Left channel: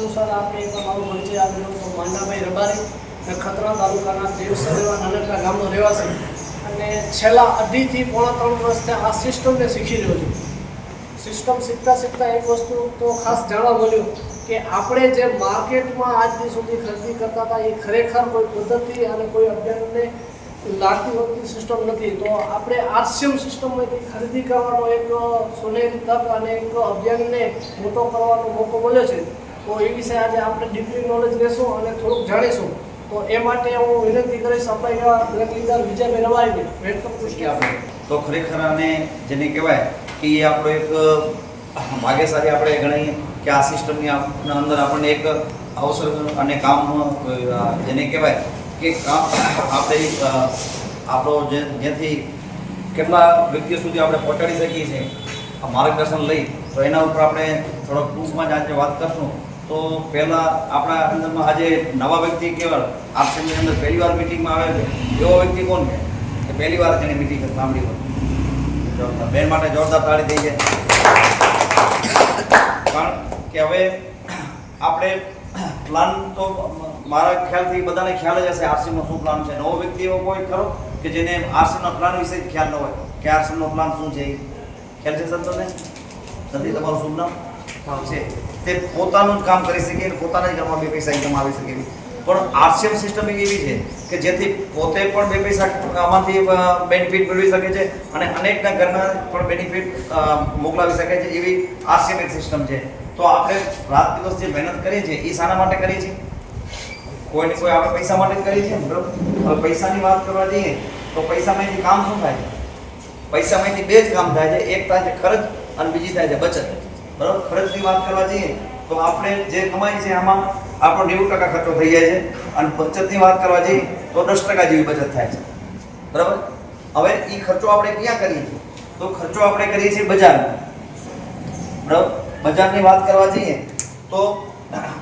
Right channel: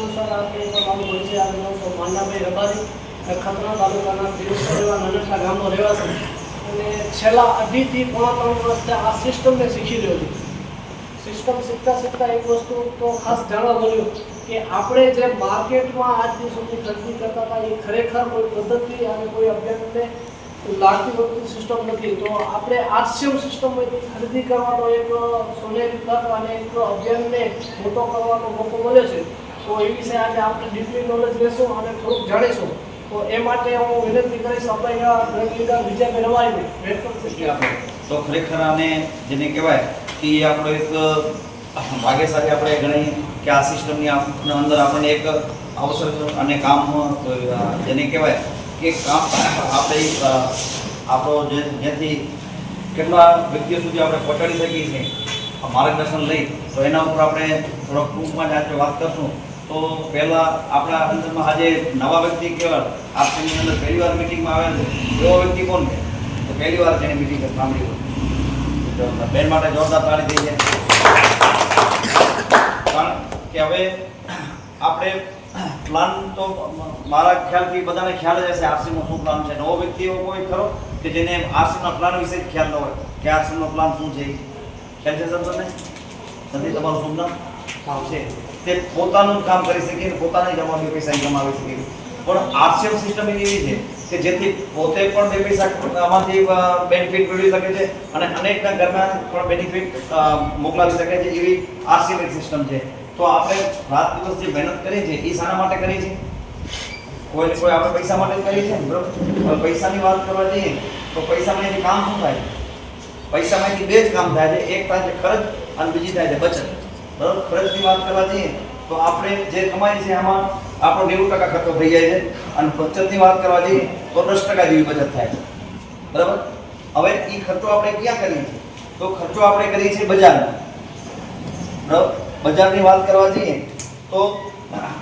અનુસાર આપણે મારું પરિચય આવેલો તો માંડાભાઈ રબારી ખતરા તાલુકાના દેવસરેવા નાનકડા ગામનો રહેવાસી અને છેલ્લા 2.5 થી પોણા 3 વર્ષથી આ સિસ્ટમને શીખી રહ્યો છું. સિસ્ટમ શીખતા એક વસ્તુ તો ખાસ જાણવા મળ્યું કે આપણે જે માર્કેટમાં આજની સુધી ખરીદી કરતા હતા એ ખરેખર કોઈ પદ્ધતિ અને કોઈ અભ્યાસને લાગતી હોતી સિસ્ટમ નથી. તો આપણે આરસીએમ સિસ્ટમમાંથી ખરીદી કરવાનો એક સોનેરી તક અને એક અભિયાનને મોટો કરવાનો મોકો મળ્યો છે. તો એ વિશે આજે આપણે ડીપલી નોલેજ લેશું અને થોડુંક જાણીશું. તો એ માટે હું વિનંતી કરીશ આપણા બ્રેક લીડર વિજયભાઈ રબારીને વેટ કરશું. તો ખરેખર આને જેને કહેવાય કે એ આપણો એક ભાગ્યશાળી આપણે ગણીએ કે આ સિસ્ટમની અંદર આપણને એક અવસર અને કામ જેને કહેવાય કે કામ આપણે આપણો જેથી કેટલા વ્યક્તિઓ સુધી આપણે પહોંચાડી શકીએ છીએ માર્ગદર્શન લઈ, તો એના ઉપર આપણે થોડોક ટૂંકમાં જ આજે વાત કરશું. તો પહેલાં આપણા અંદરમાં આજે નવા વ્યક્તિ કહેવાય આરસીએમની અંદર પહેલી વાર મિટિંગમાં આવેલ છે એવો વ્યક્તિ કોણ છે? તો પહેલી વાર જેને મિટિંગ સાંભળી હોય બેન માટે જોરદાર તાળી થઈ છે. કારણ કે હવે આપણે પ્લાન તો મારા ખ્યાલથી બધાને ખ્યાલ જ હશે આરસીએમનો શું પ્લાન છે. નવો વ્યક્તિ એવો કોઈ ખરો કે જેને આરસીએમના પ્લાન વિશે જ ખ્યાલ ન હોય કે આરસીએમનો પ્લાન શું છે? ખ્યાલ છે સંતોષને? નથી તમારું શું પ્લાન છે? તે પોતાનું જ કામ કરી શકે, પોતાના જ ઘરમાં 2 પૈસા કમાવી શકે. પણ આરસીએમ સિસ્ટમ એવી છે કે જેથી પોતે પણ 2 પૈસા આમાંથી બેનિફિટ મેળવી શકે છે અને અનેકના ઘરમાં પણ બેનિફિટ મોકલાવી શકે છે. એવી આરસીએમ એક સિસ્ટમ છે. તો આપણે રાત દિવસ જે મહેનત કરીએ છીએ એ શાના માટે કરીએ છીએ? કોઈ આપણે પૈસા માટે જ કરીએ છીએ, બરોબર? હવે પૈસાની વાત કરવા જઈએ તો પૈસામાંથી કામ શું થાય? પૈસામાંથી 2 જ કામ થાય છે. એક થાય છે ખર્ચ અને બીજી થાય છે બચત, બરોબર? ખર્ચની વાત કરવા જઈએ તો આપણે જે કમાઈએ છીએ આમાં આપણો 90% ખર્ચો થઈ જાય છે અને બચતની વાત કરવા જઈએ તો 10% જેવી બચત થાય છે, બરાબર? હવે એ ખર્ચો આપણે ક્યાં કરીએ છીએ? તો ખર્ચો આપણે કરીએ છીએ બજારમાં, બરાબર? બજારની વાત કરવા જઈએ તો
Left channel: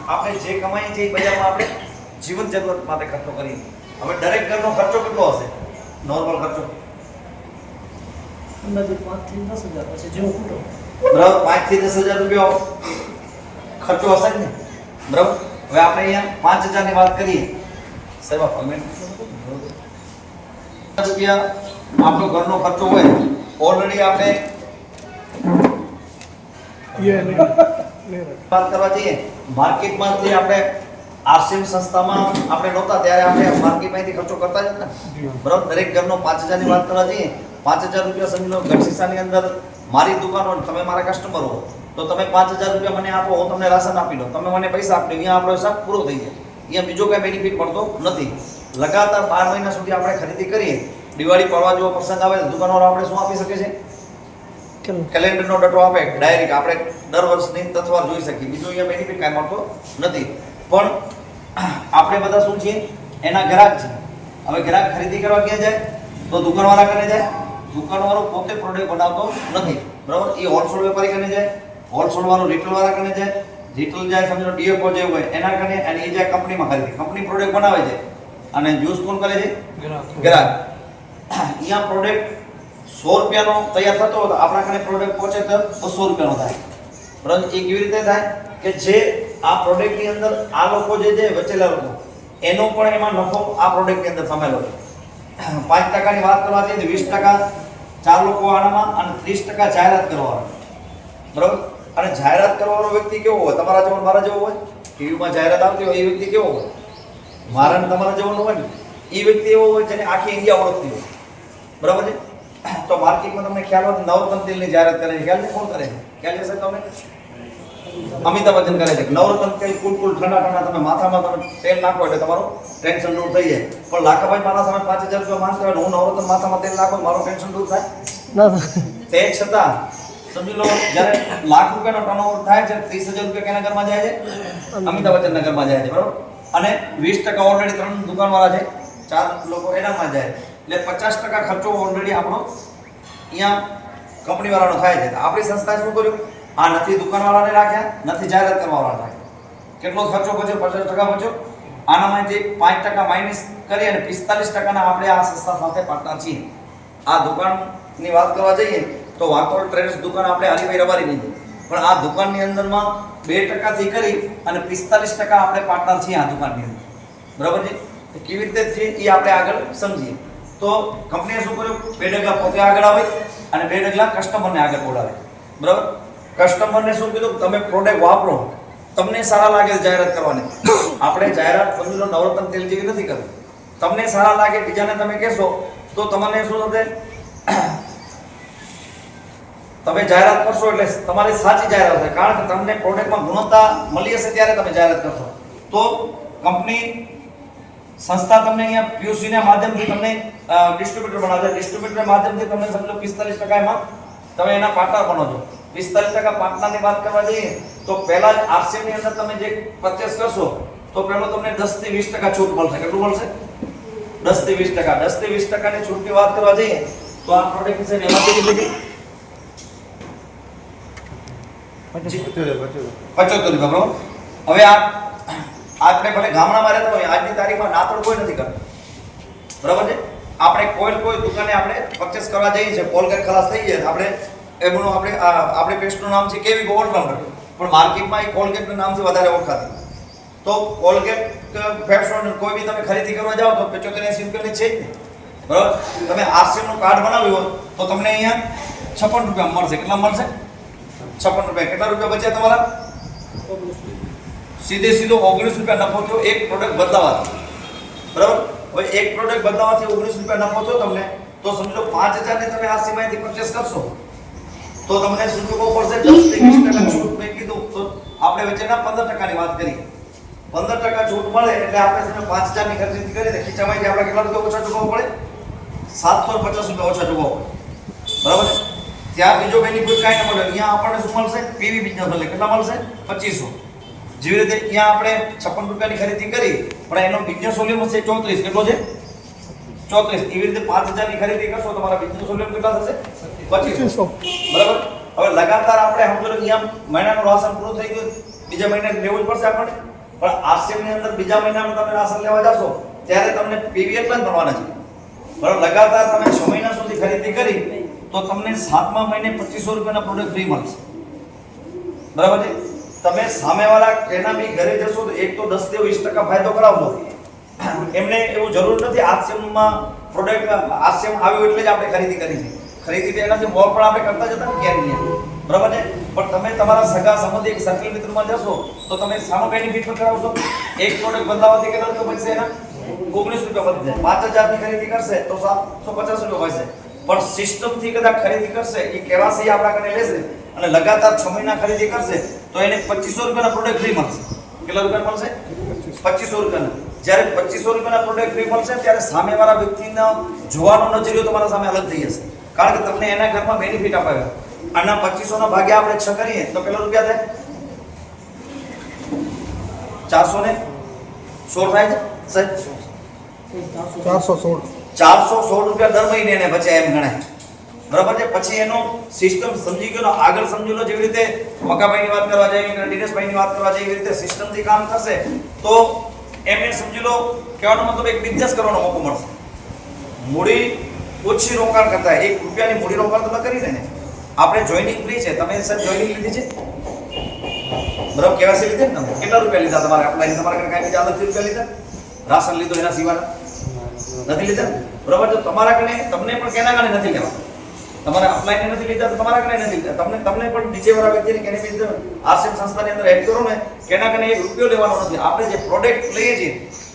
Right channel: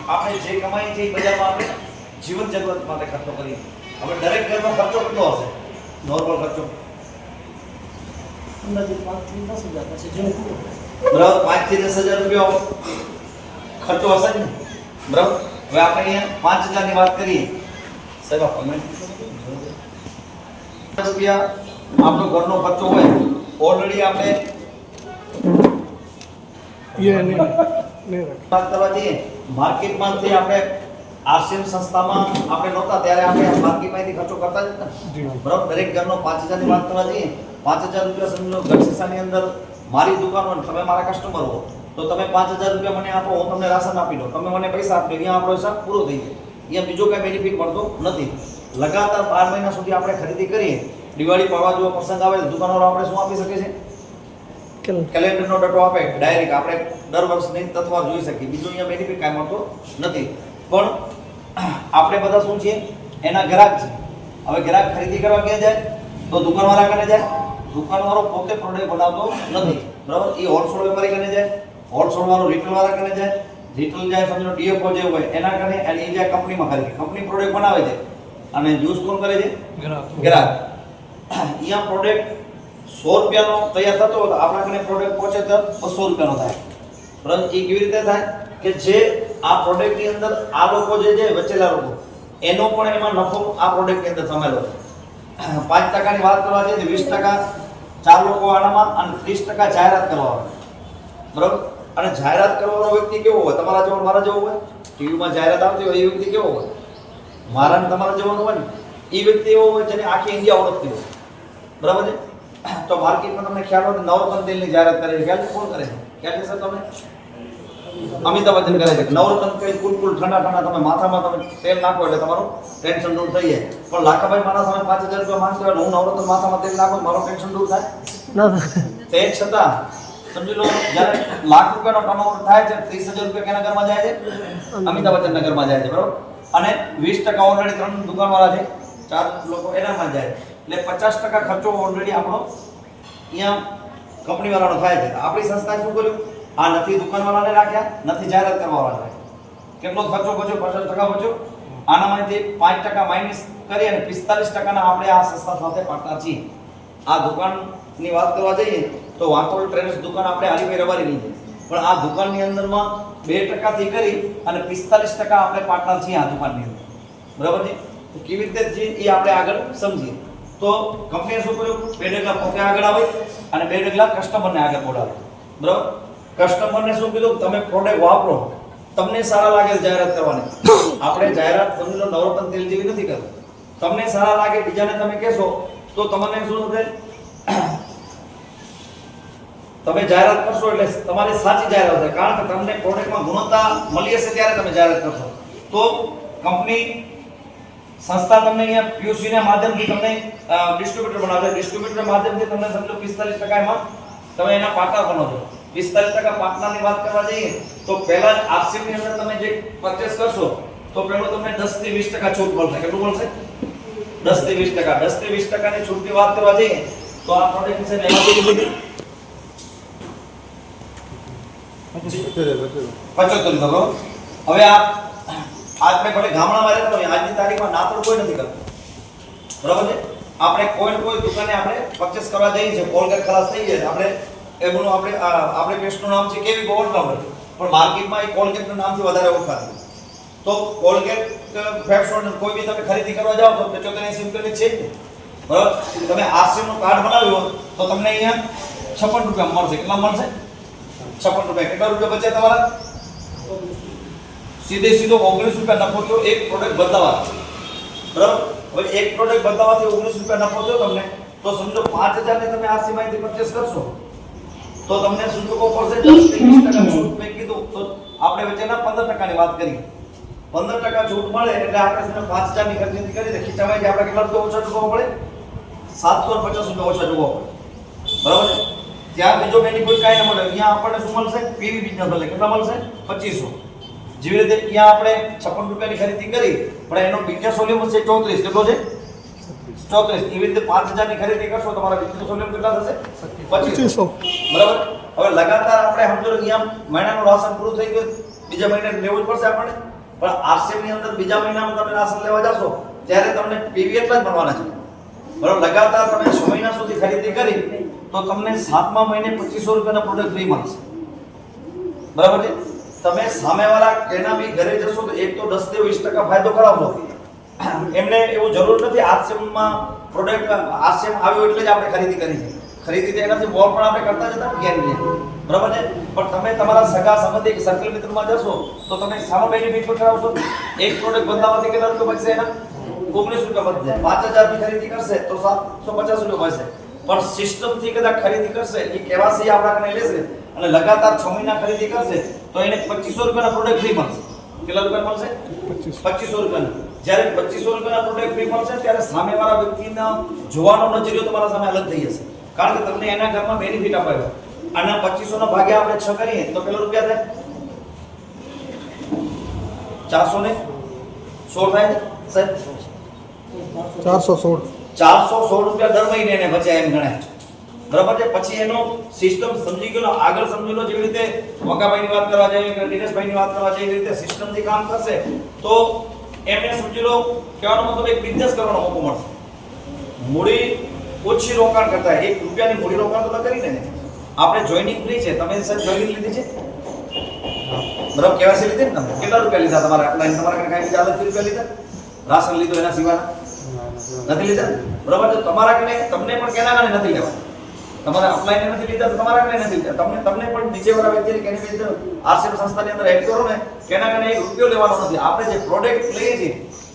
આપણે જે કમાઈએ છીએ એ બજારમાં આપણે જીવન જરૂરત માટે ખર્ચો કરીએ. હવે દરેક ઘરનો ખર્ચો કેટલો હશે? નોર્મલ ખર્ચો અંદાજિત 5 થી 10 હજાર પછી જેવું પૂરું, બરાબર? 5 થી 10 હજાર રૂપિયા ખર્ચો હશે જ ને, બરાબર? હવે આપણે અહીંયા 5000 ની વાત કરીએ સાહેબ, રૂપિયા આપણો ઘરનો ખર્ચો હોય ઓલરેડી આપણે વાત કરવા જઈએ માર્કેટમાંથી આપણે આરસીએમ સંસ્થામાં આપણે નહોતા ત્યારે આપણે માર્કેટમાંથી ખર્ચો કરતા જ હતા, બરાબર? દરેક ઘરનો 5000 ની વાત કરવા જઈએ 5000 રૂપિયા સમજી લો. ગઢશીશાની અંદર મારી દુકાન હોય, તમે મારા કસ્ટમર હો તો તમે 5000 રૂપિયા મને આપો, હું તમને રાશન આપી દઉં, તમે મને પૈસા આપી દો, અહીંયા આપણો હિસાબ પૂરો થઈ જાય. અહીંયા બીજો કંઈ બેનિફિટ મળતો નથી. લગાતાર 12 મહિના સુધી આપણે ખરીદી કરીએ, દિવાળી પાડવા જેવો પ્રસંગ આવે તો દુકાનવાળો આપણે શું આપી શકે છે? કેલેન્ડરનો ડટો આપે, ડાયરેક્ટ આપણે દર વર્ષની તત્વાર જોઈ શકીએ. બીજું અહીંયા બેનિફિટ કાંઈ મળતો નથી. પણ આપણે બધા શું છીએ? એના ગ્રાહક છે. હવે ગ્રાહક ખરીદી કરવા ક્યાં જાય? તો દુકાનવાળા કને જાય. દુકાનવાળો પોતે પ્રોડક્ટ બનાવતો નથી, બરાબર? એ હોલસેલ વેપારી કને જાય, હોલસેલ વાળો રિટેલ વાળા કને જાય, રિટેલ જાય સમજો ડીએફઓ જે હોય એના કને, અને એ જાય કંપનીમાં ખરીદી. કંપની પ્રોડક્ટ બનાવે છે અને યુઝ કોણ કરે છે? ગ્રાહક. અહીંયા પ્રોડક્ટ 100 રૂપિયાનો તૈયાર થતો હોય તો આપણા કને પ્રોડક્ટ પહોંચે તો 200 રૂપિયાનો થાય, પરંતુ એ કેવી રીતે થાય કે જે આ પ્રોડક્ટની અંદર આ લોકો જે વચેલા લોકો એનો પણ એમાં નફો આ પ્રોડક્ટની અંદર સમેલો છે. 5% ની વાત કરવા જઈએ તો 20% 4 લોકો આનામાં અને 30% જાહેરાત કરવાનો, બરાબર? અને જાહેરાત કરવાનો વ્યક્તિ કેવો હોય? તમારા જેવો મારા જેવો હોય? ટીવીમાં જાહેરાત આવતી હોય એ વ્યક્તિ કેવો હોય? મારા ને તમારા જેવો ન હોય ને. એ વ્યક્તિ એવો હોય જેને આખી ઇન્ડિયા ઓળખતી હોય, બરાબર છે? તો માર્કેટમાં તમને ખ્યાલ હોય નવરત્ન તેલની જાહેરાત કરે છે. ખ્યાલ છે? કોણ કરે છે? ખ્યાલ છે સર તમને? અમિતાભ બચ્ચન કરે છે. નવરત્ન તેલ કુલ ઠંડા તમે માથામાં તમે તેલ નાખો એટલે તમારું ટેન્શન દૂર થઈ જાય. પણ લાખાભાઈ મારા સામે 5000 રૂપિયા માંગતો હોય હું નવરત્ન માથામાં તેલ નાખો મારું ટેન્શન દૂર થાય તે છતાં સમજી લો જ્યારે લાખ રૂપિયાનો ટર્નઓવર થાય છે 30000 રૂપિયા કેના ઘરમાં જાય છે? અમિતાભ બચ્ચનના ઘરમાં જાય છે, બરાબર? અને 20% ઓલરેડી 3 દુકાનવાળા છે, 4 લોકો એનામાં જાય એટલે 50% ખર્ચો ઓલરેડી આપણો અહીંયા કંપનીવાળાનો થાય છે. આપણી સંસ્થાએ શું કર્યું? આ નથી દુકાનવાળાને રાખ્યા, નથી જાહેરાત કરવાવાળા રાખ્યા. કેટલો ખર્ચો બચ્યો? 50% બચ્યો. આનામાંથી 5% માઇનસ કરી અને 45%ના આપણે આ સંસ્થા સાથે પાર્ટનર છીએ. આ દુકાનની વાત કરવા જઈએ તો વાંકોલ ટ્રેડર્સ દુકાન આપણે હરીભાઈ રબારીની છે, પણ આ દુકાનની અંદરમાં 2% થી કરી અને 45% આપણે પાર્ટનર છીએ આ દુકાનની અંદર, બરાબર છે? તો કેવી રીતે છે એ આપણે આગળ સમજીએ. તો કંપનીએ શું કર્યું, 2 ડગલા પોતે આગળ આવે અને 2 ડગલા કસ્ટમરને આગળ બોલાવે, બરાબર? કસ્ટમરને શું કીધું, તમે પ્રોડક્ટ વાપરો, તમને સારા લાગે જાહેરાત કરવાની. આપણે જાહેરાત સમજી લો નવરત્ન તેલ જેવી નથી કરવી. તમને સારા લાગે, બીજાને તમે કહેશો તો તમને શું થશે, તમે જાહેરાત કરશો એટલે તમારી સાચી જાહેરાત હશે, કારણ કે તમને પ્રોડક્ટમાં ગુણવત્તા મળી હશે ત્યારે તમે જાહેરાત કરશો. તો કંપની સંસ્થા તમને અહીંયા પીયુસી ના માધ્યમથી તમને ડિસ્ટ્રીબ્યુટર બનાવશે. ડિસ્ટ્રીબ્યુટર માધ્યમથી તમને સમજો 45% એમાં તમે એના પાર્ટનર બનો છો. 45% પાર્ટનરની વાત કરવા જઈએ તો પહેલા જ આરસીએમ ની અંદર તમે જે પરચેસ કરશો તો પહેલો તમને 10 થી 20% છૂટ મળશે. કેટલું મળશે? 10 થી 20%. 10 થી 20% ની છૂટની વાત કરવા જઈએ તો આ પ્રોડક્ટ છે એમાં કેટલી થઈ? 75 રૂપિયા, બરોબર? હવે આપણે ભલે ગામડામાં રહેતા હોય, આજની તારીખમાં નાતોડ કોઈ નથી કરતું, બરાબર છે? આપણે કોઈ દુકાને આપણે પરચેસ કરવા જઈએ છીએ, કોલગેટ ખલાસ થઈ જાય, આપણે એમનું આપણે પેસ્ટનું નામ છે કેવી ઓળખાણ કરતી, પણ માર્કેટમાં એ કોલગેટના નામથી વધારે ઓળખાતી. તો કોલગેટ પેપ્સોડન્ટ કોઈ બી તમે ખરીદી કરવા જાઓ તો 75-80 રૂપિયાની છે જ ને, બરાબર? તમે આરસીએમ નું કાર્ડ બનાવ્યું હોય તો તમને અહીંયા 56 રૂપિયા મળશે. કેટલા મળશે? 56 રૂપિયા. કેટલા રૂપિયા બચ્યા તમારા? સીધો 19 રૂપિયા નફો થયો એક પ્રોડક્ટ બદલાવાથી, બરાબર? હવે એક પ્રોડક્ટ બદલાવાથી 19 રૂપિયા નફો થયો તમને, તો સમજો 5000 ને તમે આ સીમાથી પરચેસ કરશો તો તમને શું ચૂકવવું પડશે? 10 થી 20% છૂટ મેં કીધું તો આપણે વચ્ચેના 15% ની વાત કરી. 15% છૂટ મળે એટલે આપણે 5000 ની ખરીદી કરીને ખીચામાંથી આપણે કેટલા રૂપિયા ઓછા ચૂકવવા પડે? 750 રૂપિયા ઓછા ચૂકવવા પડે, બરાબર? ત્યાં બીજો બેનિફિટ કાંઈ ન મળે. અહીંયા આપણને શું મળશે? પીવી બિઝનેસ મળે. કેટલા મળશે? 2500. જેવી રીતે અહીંયા આપણે 56 રૂપિયાની ખરીદી કરી પણ એનો બિઝનેસ વોલ્યુમ છે 34. કેટલો છે? 34. એવી રીતે 5000 ની ખરીદી કરશો તમારા બિઝનેસ વોલ્યુમ કેટલા થશે? 2500, બરાબર? હવે લગાતાર આપણે સમજો અહીંયા મહિનાનું રાશન પૂરું થઈ ગયું, બીજા મહિને લેવું જ પડશે આપણને, પણ આરસીએમ ની અંદર બીજા મહિનાનું તમે રાશન લેવા જશો ત્યારે તમને પીવી એટલા જ મળવાના છે, બરાબર? લગાતાર તમે 6 મહિના સુધી ખરીદી કરી તો તમને 7મા મહિને 2500 રૂપિયાના પ્રોડક્ટ ફ્રી મળશે, બરાબર છે? તમે સામેવાળા તેના બી ઘરે જશો તો એક તો 10 થી 20% ફાયદો કરાવશો. એમને એવું જરૂર નથી આરસીએમમાં પ્રોડક્ટ આરસીએમ આવ્યું એટલે જ આપણે ખરીદી કરી છે. ખરીદી તો એનાથી મોર પણ આપણે કરતા જતા ક્યાંય, બરાબર છે? પણ તમે તમારા સગા સંબંધી એક સર્કલ મિત્રમાં જશો તો તમે સામો બેનિફિટ પણ કરાવશો. એક પ્રોડક્ટ બદલાવાથી કેટલા રૂપિયા બચશે? એના 19 રૂપિયા બચશે. 5000 ની ખરીદી કરશે તો 750 રૂપિયા બચશે. પણ સિસ્ટમથી કદાચ ખરીદી કરશે, એ કેવાસી આપણા કને લેશે અને લગાતાર 6 મહિના ખરીદી કરશે તો એને 2500 રૂપિયાના પ્રોડક્ટ ફ્રી મળશે. કેટલા રૂપિયા મળશે? 2500 રૂપિયાના. જ્યારે 2500 રૂપિયાના પ્રોડક્ટ ફ્રી મળશે ત્યારે સામેવાળા વ્યક્તિનો જોવાનો નજરિયો તમારા સામે અલગ થઈ જશે, કારણ કે તમને એના ઘરમાં બેનિફિટ અપાયો. આના 2500 ના ભાગે આપણે 6 કરીએ તો કેટલા રૂપિયા થાય? 416 થાય છે સાહેબ? 416 રૂપિયા દર મહિને એને બચે એમ ગણાય, બરાબર છે? પછી એનો સિસ્ટમ સમજી ગયો, આગળ સમજી લો. જેવી રીતે વકાભાઈની વાત કરવા જઈએ કે દિનેશભાઈની વાત કરવા જઈએ, એવી રીતે સિસ્ટમથી કામ કરશે તો એમને સમજી લો કહેવાનો મતલબ એક બિઝનેસ કરવાનો મોકો મળશે. મૂડી ઓછી રોકાણ કરતા 1 રૂપિયાની મૂડી રોકાણ તો કરીને ને આપણે જોઈનિંગ ફ્રી છે. તમે સર જોઈનિંગ લીધી છે, બરાબર? કેવાસી લીધી ને તમે? કેટલા રૂપિયા લીધા તમારા અપ્લાઈન? તમારા કને કાંઈ બીજા અલગથી રૂપિયા લીધા? રાશન લીધો એના સિવાયના નથી લીધા, બરાબર? તો તમારા કને તમને પણ કેના કને નથી લેવા, તમારા અપ્લાઈને નથી લીધા તો તમારા કને નથી લીધા. તમને પણ નીચેવાળા વ્યક્તિને કેને કઈ આરસીએમ સંસ્થાની અંદર એડ કરો ને કેના કને 1 રૂપિયો લેવાનો નથી. આપણે જે પ્રોડક્ટ લઈએ છીએ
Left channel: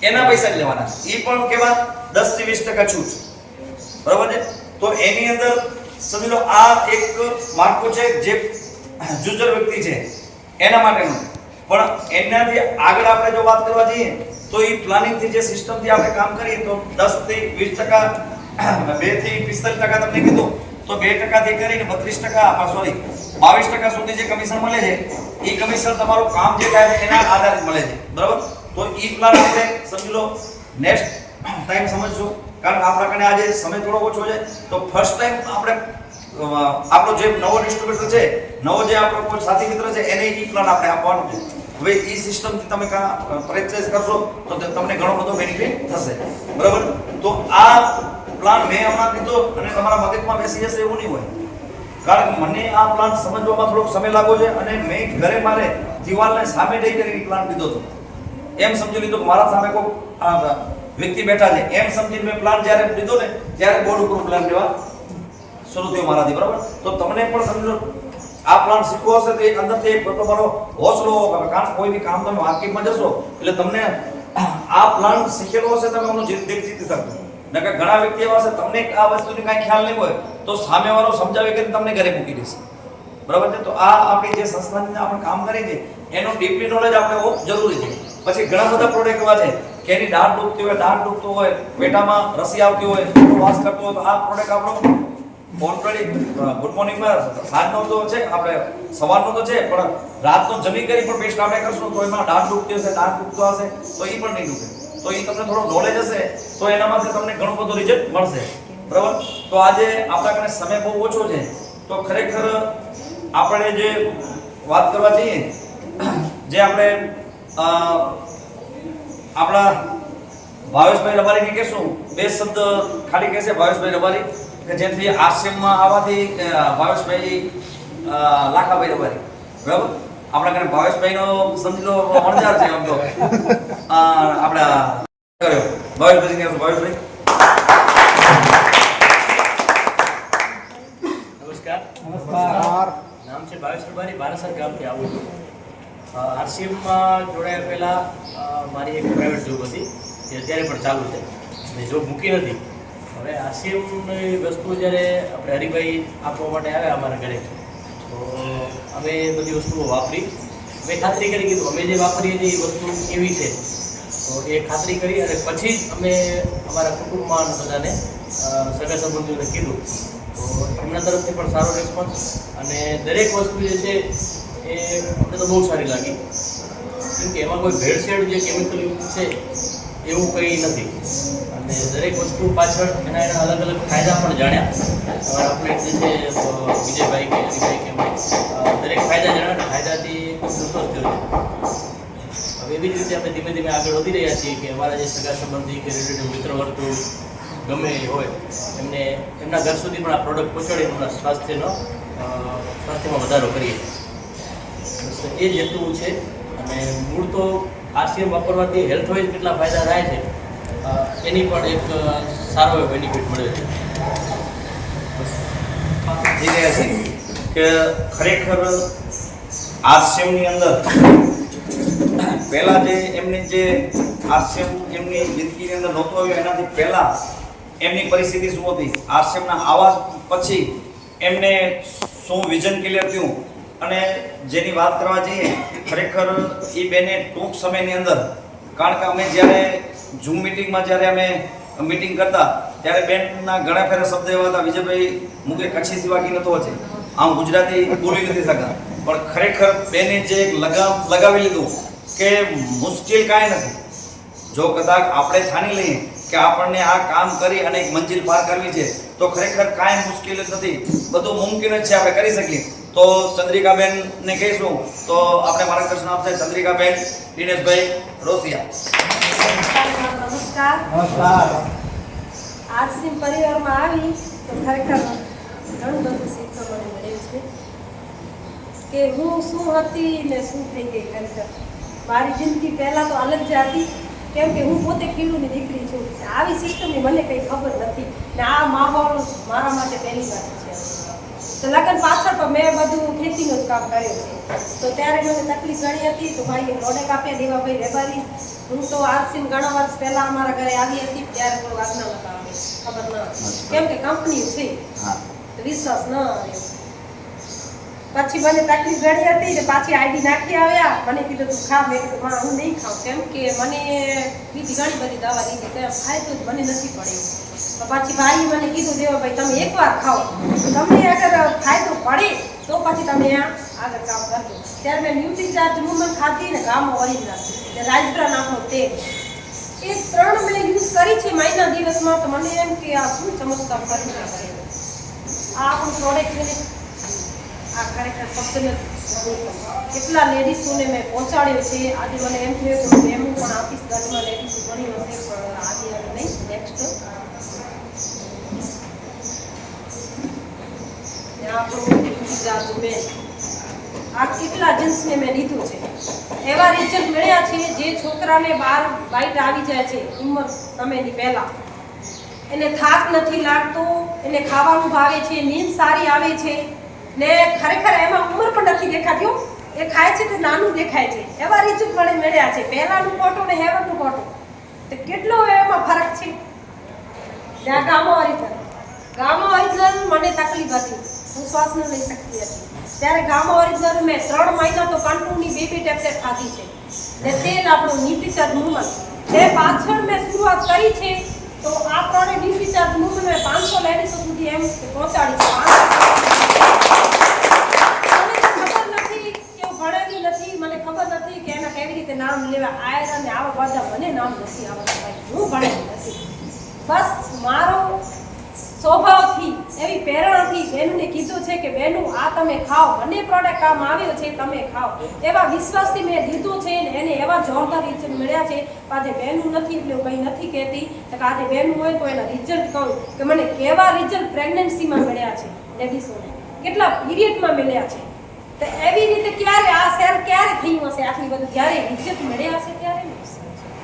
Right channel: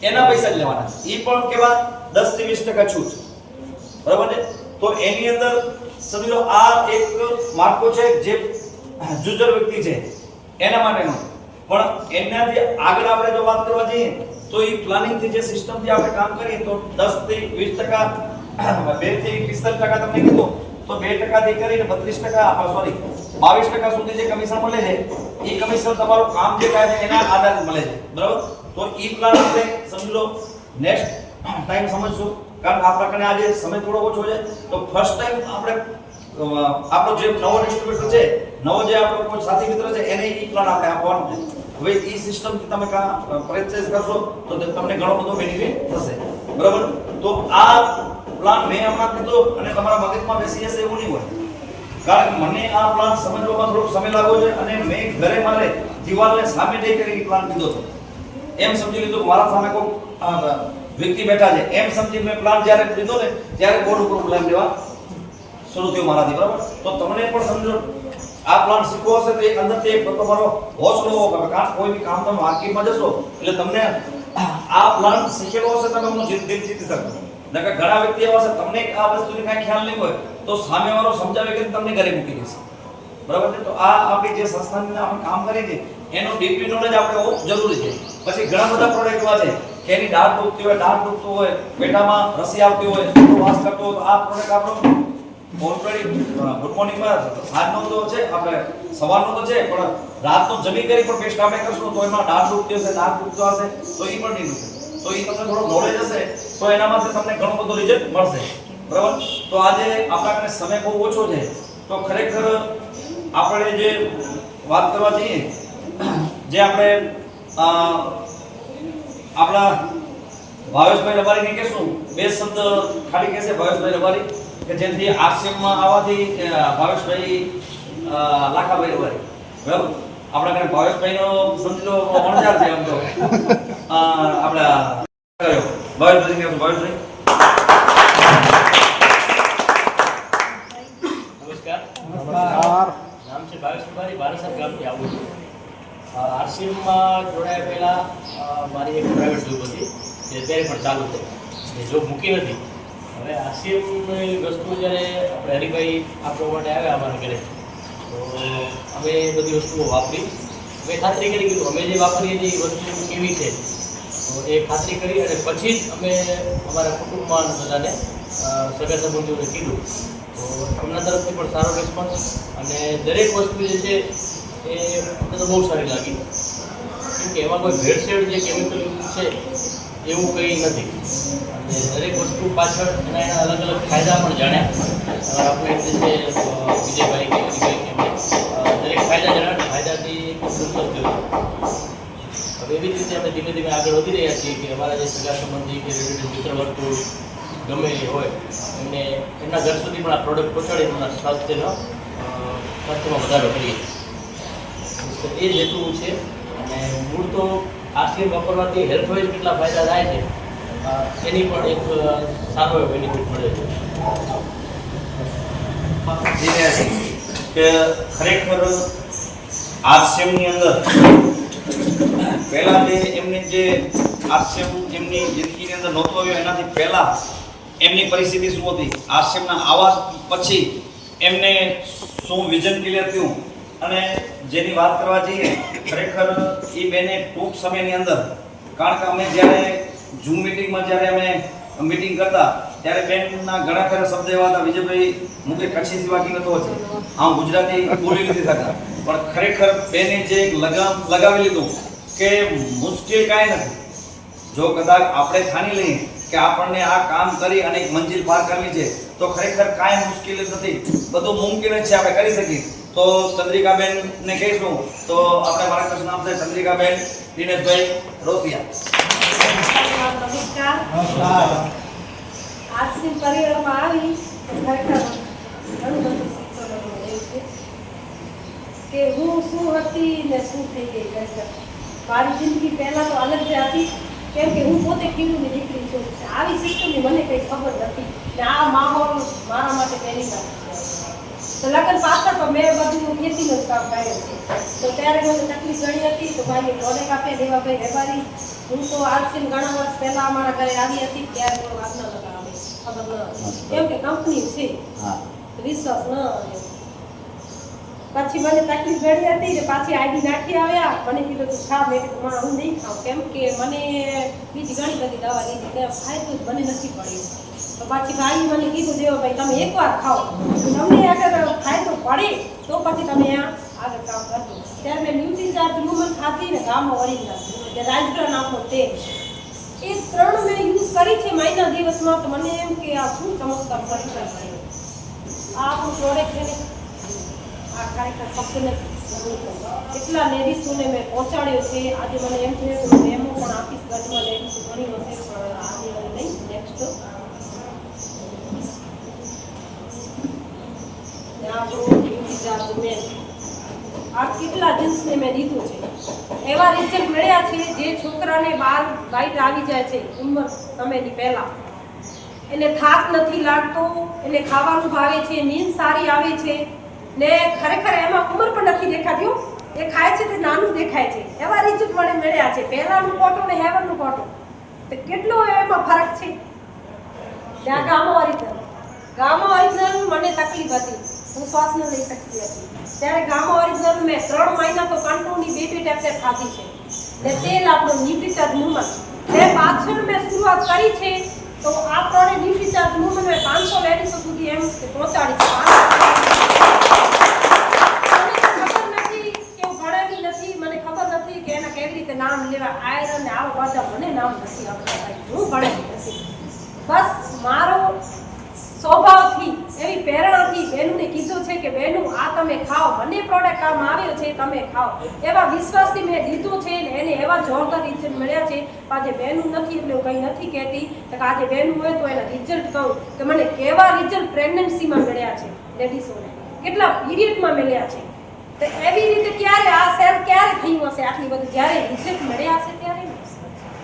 એના પૈસા જ લેવાના છે. એ પણ કેવા 10 થી 20% છૂટ, બરાબર છે? તો એની અંદર સમજી લો આ એક માર્કો છે જે જુજર વ્યક્તિ છે એના માટેનો, પણ એનાથી આગળ આપણે જો વાત કરવા જઈએ તો એ પ્લાનિંગથી જે સિસ્ટમથી આપણે કામ કરીએ તો 10 થી 20%, 2 થી 45% તમને કીધું તો 2% થી કરીને 32%, સોરી 22% સુધી જે કમિશન મળે છે એ કમિશન તમારું કામ જે થાય છે એના આધારે મળે છે, બરાબર? તો એ પ્લાન આપણે સમજી લો નેક્સ્ટ ટાઈમ સમજશું, કારણ કે આપણા કને આજે સમય થોડો ઓછો છે. તો ફર્સ્ટ ટાઈમ આપણે આપણો જે નવો ડિસ્ટ્રીબ્યુટર છે, નવો જે આપણો કોઈ સાથી મિત્ર છે એને ઈ પ્લાન આપણે આપવાનો છે. હવે ઈ સિસ્ટમથી તમે પરચેસ કરશો તો તમને ઘણો બધો બેનિફિટ થશે, બરાબર? તો આ પ્લાન મેં હમણાં કીધો અને તમારા મગજમાં બેસી જશે એવું નહીં હોય. કારણ કે મને આ પ્લાન સમજવામાં થોડોક સમય લાગ્યો છે અને મેં ઘરે મારે દિવાલને સામે જઈ કરી પ્લાન લીધો હતો. એમ સમજી લીધું કે મારા સામે કોઈ વ્યક્તિ બેઠા છે એમ સમજી મેં પ્લાન જ્યારે લીધો ને ત્યારે બોર્ડ ઉપર પ્લાન લેવા શરૂ થયો મારાથી, બરાબર. તો તમને પણ સમજો આ પ્લાન શીખવો હશે તો એક અંદરથી એક તમારો હોસલો હોવો, કારણ કોઈ બી કામ તમે માર્કેટમાં જશો એટલે તમને આ પ્લાન શીખેલો હશે તમે એનું જીતી શકશો. નકર ઘણા વ્યક્તિ એવા હશે તમને આ વસ્તુની કાંઈ ખ્યાલ નહીં હોય તો સામેવાળો સમજાવી કરીને તમને ઘરે મૂકી દેશે, બરાબર છે. તો આ આપણી જે સંસ્થાની આપણે કામ કરી છે એનું ડીપલી નોલેજ આપણે હોવું જરૂરી છે. પછી ઘણા બધા પ્રોડક્ટ એવા છે કે એની દાઢ દુખતી હોય, દાઢ દુખતું હોય, પેટામાં રસી આવતી હોય, તો વાસ કરતો હોય, તો આ પ્રોડક્ટ આપણો ઓલરેડી ગુડ મોર્નિંગમાં સાંજનો તો છે, આપણે સવારનો તો છે, પણ રાતનો જમી કરી પણ પેસ્ટ આપણે કરશું તો એમાં દાઢ દુખતી હશે, દાંત દુખતો હશે તો એ પણ નહીં દુખે. તો એ તમને થોડો નોલેજ હશે તો એનામાંથી તમને ઘણું બધું રિઝલ્ટ મળશે, બરાબર. તો આજે આપણા પાસે સમય બહુ ઓછો છે તો ખરેખર આપણે જે વાત કરવા જઈએ જે આપણે આપણા ભાવેશભાઈ રબારીને કહેશું બે શબ્દ ખાલી કહેશે ભાવેશભાઈ રબારી કે જેમથી આરસીએમમાં આવવાથી ભાવેશભાઈ લાખાભાઈ રબારી, બરાબર. આપણા ઘરે ભાવેશભાઈનો સમજી લો વણજાર છે આમ તો આપણા કર્યો ભાવેશભાઈ કહેશું. ભાવેશભાઈ નમસ્કાર. નામ છે ભાવેશ રબારી, બારાસર ગામથી આવું છું. આરસીએમમાં જોડાયા પહેલાં મારી એક પ્રાઇવેટ જોબ હતી જે અત્યારે પણ ચાલુ છે અને જોબ મૂકી નથી. હવે આરસીએમની વસ્તુ જ્યારે આપણે હરિભાઈ આપવા માટે આવ્યા અમારા ઘરે તો અમે બધી વસ્તુઓ વાપરી. મેં ખાતરી કરી કીધું અમે જે વાપરીએ છીએ એ વસ્તુ કેવી છે તો એ ખાતરી કરી અને પછી જ અમે અમારા કુટુંબમાં બધાને સગા સંબંધીઓને કીધું. તો એમના તરફથી પણ સારો રિસ્પોન્સ અને દરેક વસ્તુ જે છે એ અમને તો બહુ સારી લાગી, કેમકે એમાં કોઈ ભેળસેળ જે કેમિકલ છે એવું કંઈ નથી અને દરેક વસ્તુ પાછળ એના અલગ અલગ ફાયદા પણ જાણ્યા. આપણે જે છે વિજયભાઈ કે હરિભાઈ કે દરેક ફાયદા જાણ્યા, ફાયદાથી સંતોષ થયો. હવે એવી જ રીતે આપણે ધીમે ધીમે આગળ વધી રહ્યા છીએ કે અમારા જે સગા સંબંધી કે રિલેટિવ મિત્ર વર્તુળ ગમે એ હોય એમને એમના ઘર સુધી પણ આ પ્રોડક્ટ પહોંચાડી એમના સ્વાસ્થ્યમાં વધારો કરીએ. એ જ હેતુ છે અને મૂળ તો આરસીએમ વાપરવાથી હેલ્થ વાઇઝ કેટલા ફાયદા થાય છે એની પણ એક સારો એવો બેનિફિટ મળે છે. કે ખરેખર આરસીએમની અંદર પહેલા જે એમની જે આરસીએમ એમની જિંદગીની અંદર નહોતો આવ્યો એનાથી પહેલા એમની પરિસ્થિતિ શું હતી, આરસીએમના આવા પછી એમને શું વિઝન ક્લિયર થયું અને જેની વાત કરવા જઈએ ખરેખર એ બેને ટૂંક સમયની અંદર, કારણ કે અમે જ્યારે ઝૂમ મિટિંગમાં જ્યારે અમે મીટિંગ કરતા ત્યારે બેનના ઘણા ફેરા શબ્દ એવા હતા, વિજયભાઈ મુકે કચ્છી સિવાકી નતો છે, આમ ગુજરાતી બોલી નથી શકતા, પણ ખરેખર બેને જે લગામ લગાવી લીધું કે મુશ્કેલ કાંઈ નથી. જો કદાચ આપણે ઠાની લઈએ કે આપણને આ કામ કરી અને એક મંજિલ પાર કરવી છે તો ખરેખર કાંઈ મુશ્કેલ જ નથી, બધું મુમકિન જ છે, આપણે કરી શકીએ. તો ચંદ્રિકાબેનને કહીશું તો આપણે માર્ગદર્શન આપશે ચંદ્રિકાબેન દિનેશભાઈ રોસિયા. નમસ્કાર. આરસીએમ પરિવારમાં આવી તો ખરેખર ઘણું બધું શીખવા મળ્યું છે કે હું શું હતી ને શું થઈ ગઈ. ખરેખર મારી જિંદગી પહેલાં તો અલગ જ હતી, કેમ કે હું પોતે ખેડૂતની દીકરી છું. આવી સિસ્ટમની મને કંઈ ખબર નથી ને આ માહોલ મારા માટે પહેલી વાત છે. તો લગ્ન પાછળ પણ મેં બધું ખેતીનું જ કામ કર્યું છે. તો ત્યારે મને તકલીફ ઘણી હતી તો ભાઈ પ્રોડક્ટ આપ્યા દેવાભાઈ રેબારી. હું તો આરસીએમ ઘણા વર્ષ પહેલાં અમારા ઘરે આવી હતી ત્યારે કોઈ વાત ન લગાવે, ખબર ન હતી, કેમ કે કંપની છે વિશ્વાસ ન આવ્યો. પછી મને તકલીફ ઘણી હતી ને પાછી આઈડી નાખી આવ્યા. મને કીધું તું ખા. મેં કીધું માં હું નહીં ખાઉં, કેમ કે મને બીજી ઘણી બધી દવા લીધી ફાયદો જ મને નથી પડ્યો. તો પછી ભાઈ મને કીધું દેવાભાઈ તમે એકવાર ખાઓ, તમને અગર ફાયદો પડે તો પછી તમે આગળ કામ કરજો. ત્યારે મેં ન્યુટ્રીચાર્જ વુમન ખાધી ને ગામમાં વળી નાખી રાજગ્રા નામનો તેલ, એ 3 મેં યુઝ કરી છે મહિના દિવસમાં. તો મને એમ કે આ શું ચમત્કાર કરી આ આપણું પ્રોડક્ટ છે ને આ ખરેખર ફક્ત કેટલા લેડીઝોને મેં પહોંચાડ્યો છે. આજે મને એમ થયું કે હું એમ પણ આપીશ, ઘરમાં લેડીઝો ઘણી હશે પણ આજે હવે નહીં, નેક્સ્ટ. આ આપણો ડ્યુટી ચાર્જ મેન આ કેટલા જીન્સને મેં લીધું છે એવા રિઝલ્ટ મળ્યા છે જે છોકરાને બાર બાઈટ આવી જાય છે ઉંમર સમયની પહેલાં એને થાક નથી લાગતો એને ખાવાનું ભાવે છે નીંદ સારી આવે છે ને ખરેખર એમાં ઉંમર પણ નથી દેખાતી હો એ ખાય છે તો નાનું દેખાય છે એવા રિઝલ્ટ મને મળ્યા છે પહેલાંનું ફોટો ને હેવનનું ફોટો તો કેટલો એમાં ફરક છે ત્યાં ગામો ઓરિજિનલ મને તકલીફ હતી હું શ્વાસ ન લઈ શકતી હતી ત્યારે ગામો ઓરિજિનલ મેં 3 મહિના તો કંટ્રોલની બેબી ટેબ્લેટ ખાધી છે ને તેલ આપણું ન્યુટ્રીચાર્જ મૂવમેન્ટ એ પાછળ મેં શરૂઆત કરી છે તો આ ત્રણે ન્યુટ્રીચાર્જ મૂવમેન્ટ મેં 500 લેડીઝો સુધી એમ પહોંચાડી છે મને ખબર નથી કે એના કેવી રીતે નામ લેવા આયરન ને આવા બધા મને નામ નથી આવડતા ભાઈ હું ભણેલી નથી બસ મારો સ્વભાવથી એવી પ્રેરણાથી બહેનોને કીધું છે કે બહેનો આ તમે ખાઓ મને પ્રોડક્ટ કામ આવ્યો છે તમે ખાઓ એવા વિશ્વાસથી મેં લીધું છે ને એને એવા જોરદાર રિઝલ્ટ મળ્યા છે આજે બહેનો નથી એટલે હું કંઈ નથી કહેતી તો આજે બહેનો હોય તો એના રિઝલ્ટ કહું કે મને કેવા રિઝલ્ટ પ્રેગ્નન્સીમાં મળ્યા છે લેડીઝોને કેટલા પીરિયડમાં મળ્યા છે તો એવી રીતે ક્યારે આ સેલ ક્યારે થયું હશે આટલી બધું જ્યારે રિઝલ્ટ મળ્યા હશે ત્યારે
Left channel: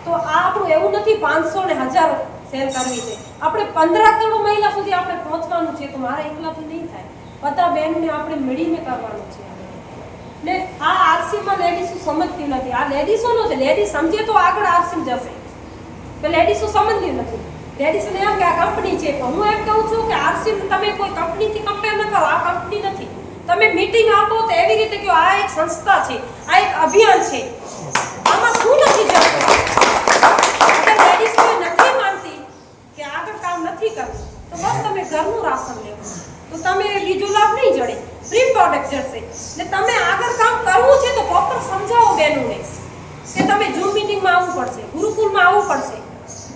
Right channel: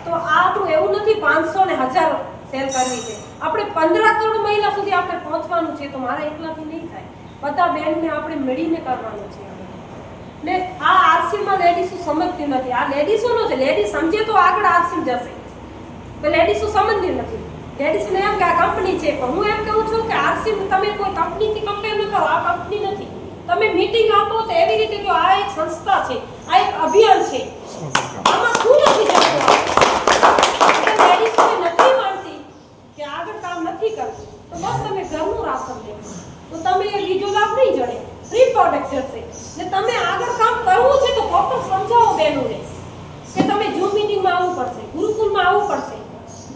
તો આ આપણું એવું નથી 500 ને 1000 સેલ કરવી છે આપણે 15 કરોડ મહિલા સુધી આપણે પહોંચવાનું છે તો મારા એકલાથી નહીં થાય બધા બહેનોને આપણે મળીને કરવાનું છે ને આ આરસીમાં લેડીઝો સમજતી નથી આ લેડીઝોનો છે લેડીઝ સમજે તો આગળ આરસી જશે તો લેડીઝો સમજતી નથી લેડીઝને એમ કે આ કંપની છે પણ હું એમ કહું છું કે આરસી તમે કોઈ કંપનીથી કમ્પેર ન કરો આ કંપની નથી તમે મીટિંગ આપો તો એવી રીતે કે આ એક સંસ્થા છે આ એક અભિયાન છે આમાં શું નથી ચાલતું લેડીઝ કોઈ નથી માનતી કે આગળ કામ નથી કરવું તો બસ તમે ઘરનું રાશન લેવું તો તમે બીજો લાભ નહીં જડે ફ્રી પ્રોડક્ટ જશે ને તમે આગળ કામ કરવું છે તો પ્રોપર સમજાવો બહેનોને કે તમે ઝૂમ મીટિંગમાં આવવું પડશે ગુરુકુલમાં આવવું પડશે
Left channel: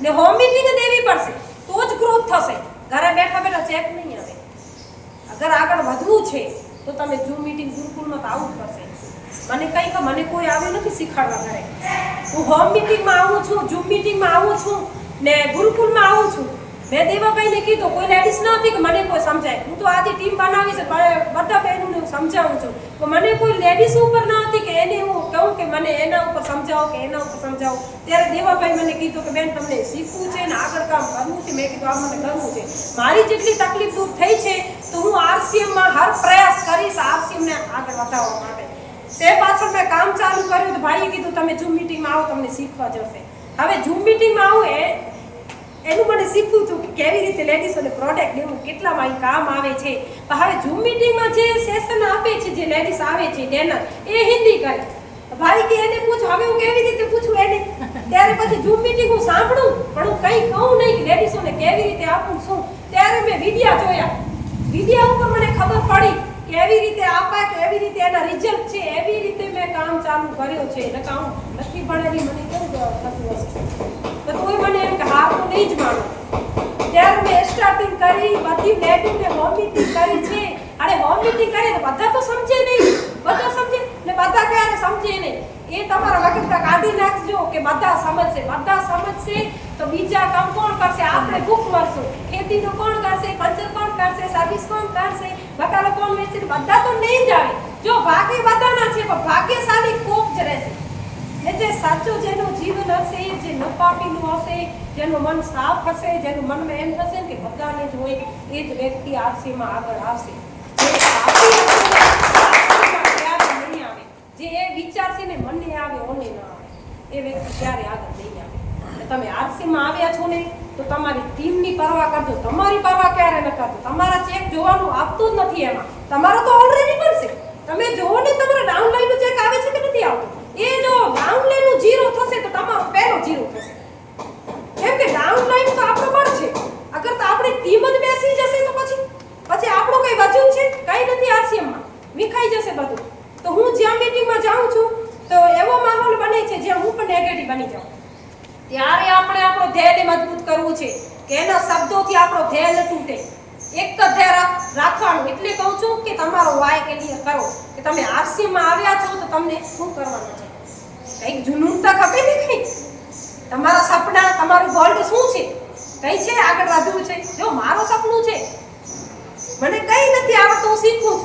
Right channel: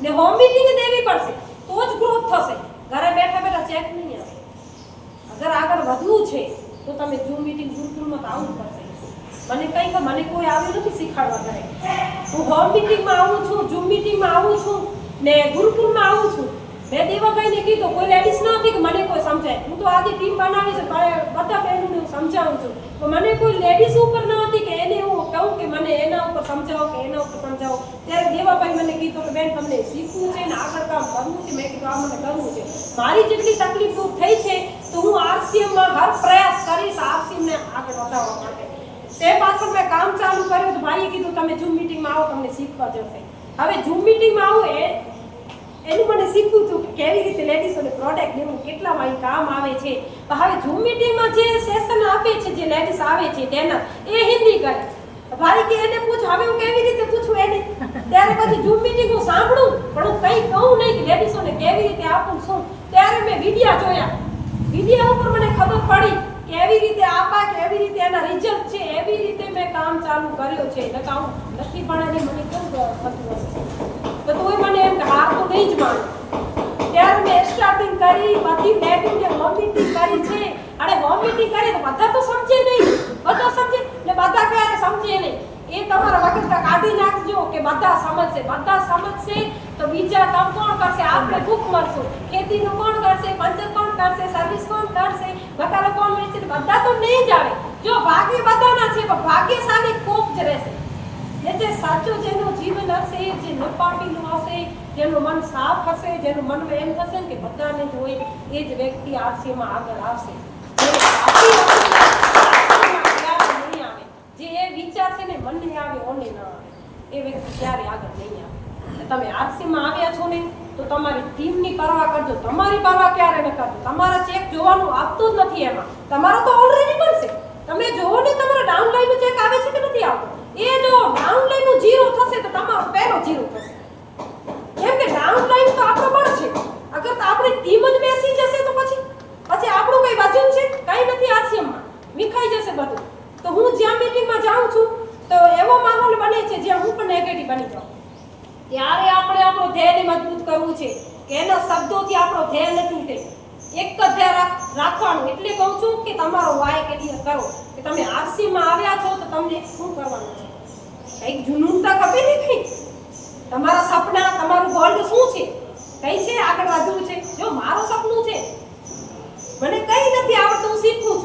ને હોમ મીટિંગ દેવી પડશે તો જ ગ્રોથ થશે ઘરે બેઠા બેઠા ચેક નહીં આવે અગર આગળ વધવું છે તો તમે ઝૂમ મીટિંગ ગુરુકુલમાં તો આવવું પડશે મને કોઈ આવ્યું નથી શીખવાડવા ઘરે હું હોમ મીટિંગમાં આવું છું ઝૂમ મીટિંગમાં આવું છું ને ગુરુકુલમાં આવું છું મેં દેવાભાઈને કીધું કોઈ લેડીઝ નથી કે મને કોઈ સમજાય હું તો આજે ટીમ બનાવી છે બધા બહેનોને હું સમજાવું છું તો મને કોઈ લેડીઝ ઉપર ન હતી કે એને હું કહું કે મને એના ઉપર સમજાવો કે એના ઉપર સમજાવો ત્યારે દેવાભાઈ મને કીધું કે બેન તમને શીખવું છે ને આગળ કામ કરવું છે મેં કીધું આ મને કરવું છે મારી જેટલી તકલીફ દૂર થઈ છે તો હું આરસીએમમાં હર પ્રયાસ કરીશ આરસીએમને આગળ વધારવા માટે તે પાછળ મેં કામ ચાલુ કર્યું તો ભાઈએ કીધું તમે ઝૂમ મીટિંગમાં આવો તમને શીખવા જશે હવે ઝૂમ મીટિંગમાં આવું એનું મને શીખવું હતું કે કેવી રીતે લેડીઝોને પ્રોડક્ટ દેવું કેટલામાં કામ આવે છે પણ હવે ઝૂમ મીટિંગમાં જે સેશન આપે છે જે લેડીઝ આવે છે ડેનર એ હિન્દી કરે ભાઈ કે એને પૂછો હવે હું કેવી રીતે પૂછું એને ત્યારે પછી ઝૂમ મીટિંગ હું સાંભળું પણ હું કંઈ કહું નહીં કે લેડીઝોને કેવી રીતે આપું શું ત્યારે મેં વિડીયા જોયા વિડીયા ઉપર મને ખબર પડી કેવી રીતે આપા કેવી રીતે એના રિઝલ્ટ છે એવી રીતે મેં કામ ચાલુ કર્યું છે એટલે કામ નથી ભણેલી મને કેવું થતું હશે તો તોય મને એમ કે હાર તો નહીં જ માનું ત્યારે મેં સ્ટાર્ટિંગ કરી બધી લેડીઝને હોમ મીટિંગ કરી છે અરે હોમ મીટિંગ કરીએ તો બધા તો સમજે નહીં બધા સમજે ને બધા ક્યારે સમજે નહીં એ તમારા વખત કાઢી નાખજો કે બધા સમજશે તો બીજા કામ કોણ કરશે આપણે ભૂખ મરશું ખેતીનું કોણ કરશે પંચર કોણ કરશે સર્વિસ કોણ કરશે બકાલો કોણ વેચશે બધા તો નહીં જ આવે જો ભાગ્ય બધાના છે પણ ભાગ્યશાળી કોક જ રહેશે ને જે સાચો જેનું જીવન હશે જે નપાપીનું હશે જેનું મન સાફ હશે જેનું મનમાં એમ થશે કે બધાને જ હોય એ જ વ્યક્તિ આરસીમાં આગળ આવશે જે એ વિચાર છે ને મનને આવે ઓને ના આવે એ વ્યક્તિ ક્યારે આગળ નહીં આવે તમે આરસીમાં આવ્યા છો ને તો તમારી ટીમની પરવા કરજો તમારી પરવા ક્યારે ન કરજો તમારા ચેક જોવાનું આપતું જ નથી એમાં તમારો તો ઓલરેડી બનશે તમે જોવો ને તમારા ડાઉનલાઈનનો ચેક આવે છે કે નથી આવતો એ જો ડાઉનલાઈનનું 0 થશે તો તમારો પહેલો 0 થશે કેમ કે ડાઉનલાઈન તો આપણો મળશે અગર તો આપણી ટીમ જ બેસી જશે તો પછી આપણું કઈ વજન છે કઈ નથી આરસીએમમાં વિખાઈ જશે બધું તો હું જ્યાં મીટિંગમાં જાઉં છું તો એવો માહોલ બને છે જ્યાં હું પણ નેગેટિવ બની જાઉં ત્યારે આપણે આપણો ધ્યેયને મજબૂત કરવું છે કે એના શબ્દોથી આપણો ધ્યેય ન તૂટે એક જ ધ્યેય રાખવાનું એટલે કહું છું કે તમારો વાય ક્લિયર કરો કે તમે આરસીમાં આવ્યા છો તો તમને શું કરવાનું છે કંઈક જુનૂનતા ખપે ને કંઈક તમારા સપના તમારું ગોલ શું છે કઈ છે આગળ વધવું છે જો મારું સપનું છે મને કંઈ નથી આવડતું હું શીખું છું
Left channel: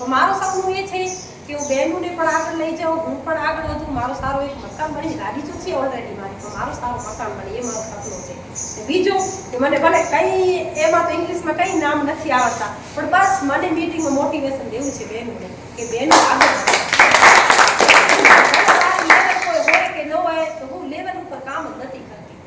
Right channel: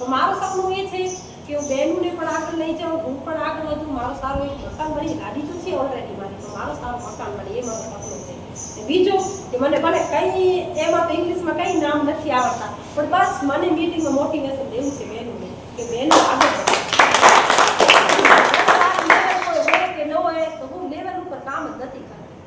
તો મારું સપનું એ છે કે હું બહેનોને પણ આગળ લઈ જાઉં, હું પણ આગળ વધું, મારો સારો એક મકાન મળી, ગાડી તો છે ઓલરેડી મારી, તો મારું સારું મકાન મળે એ મારો સપનું છે. અને બીજું કે મને ભલે કંઈ એમાં તો ઇંગ્લિશમાં કંઈ નામ નથી આવડતા, પણ બસ મને મીટિંગમાં મોટિવેશન દેવું છે બહેનોને કે બહેનો આગળ વધો. કોઈ હોય કે ન હોય તો હું લેવલ ઉપર કામ જ નથી કરતી.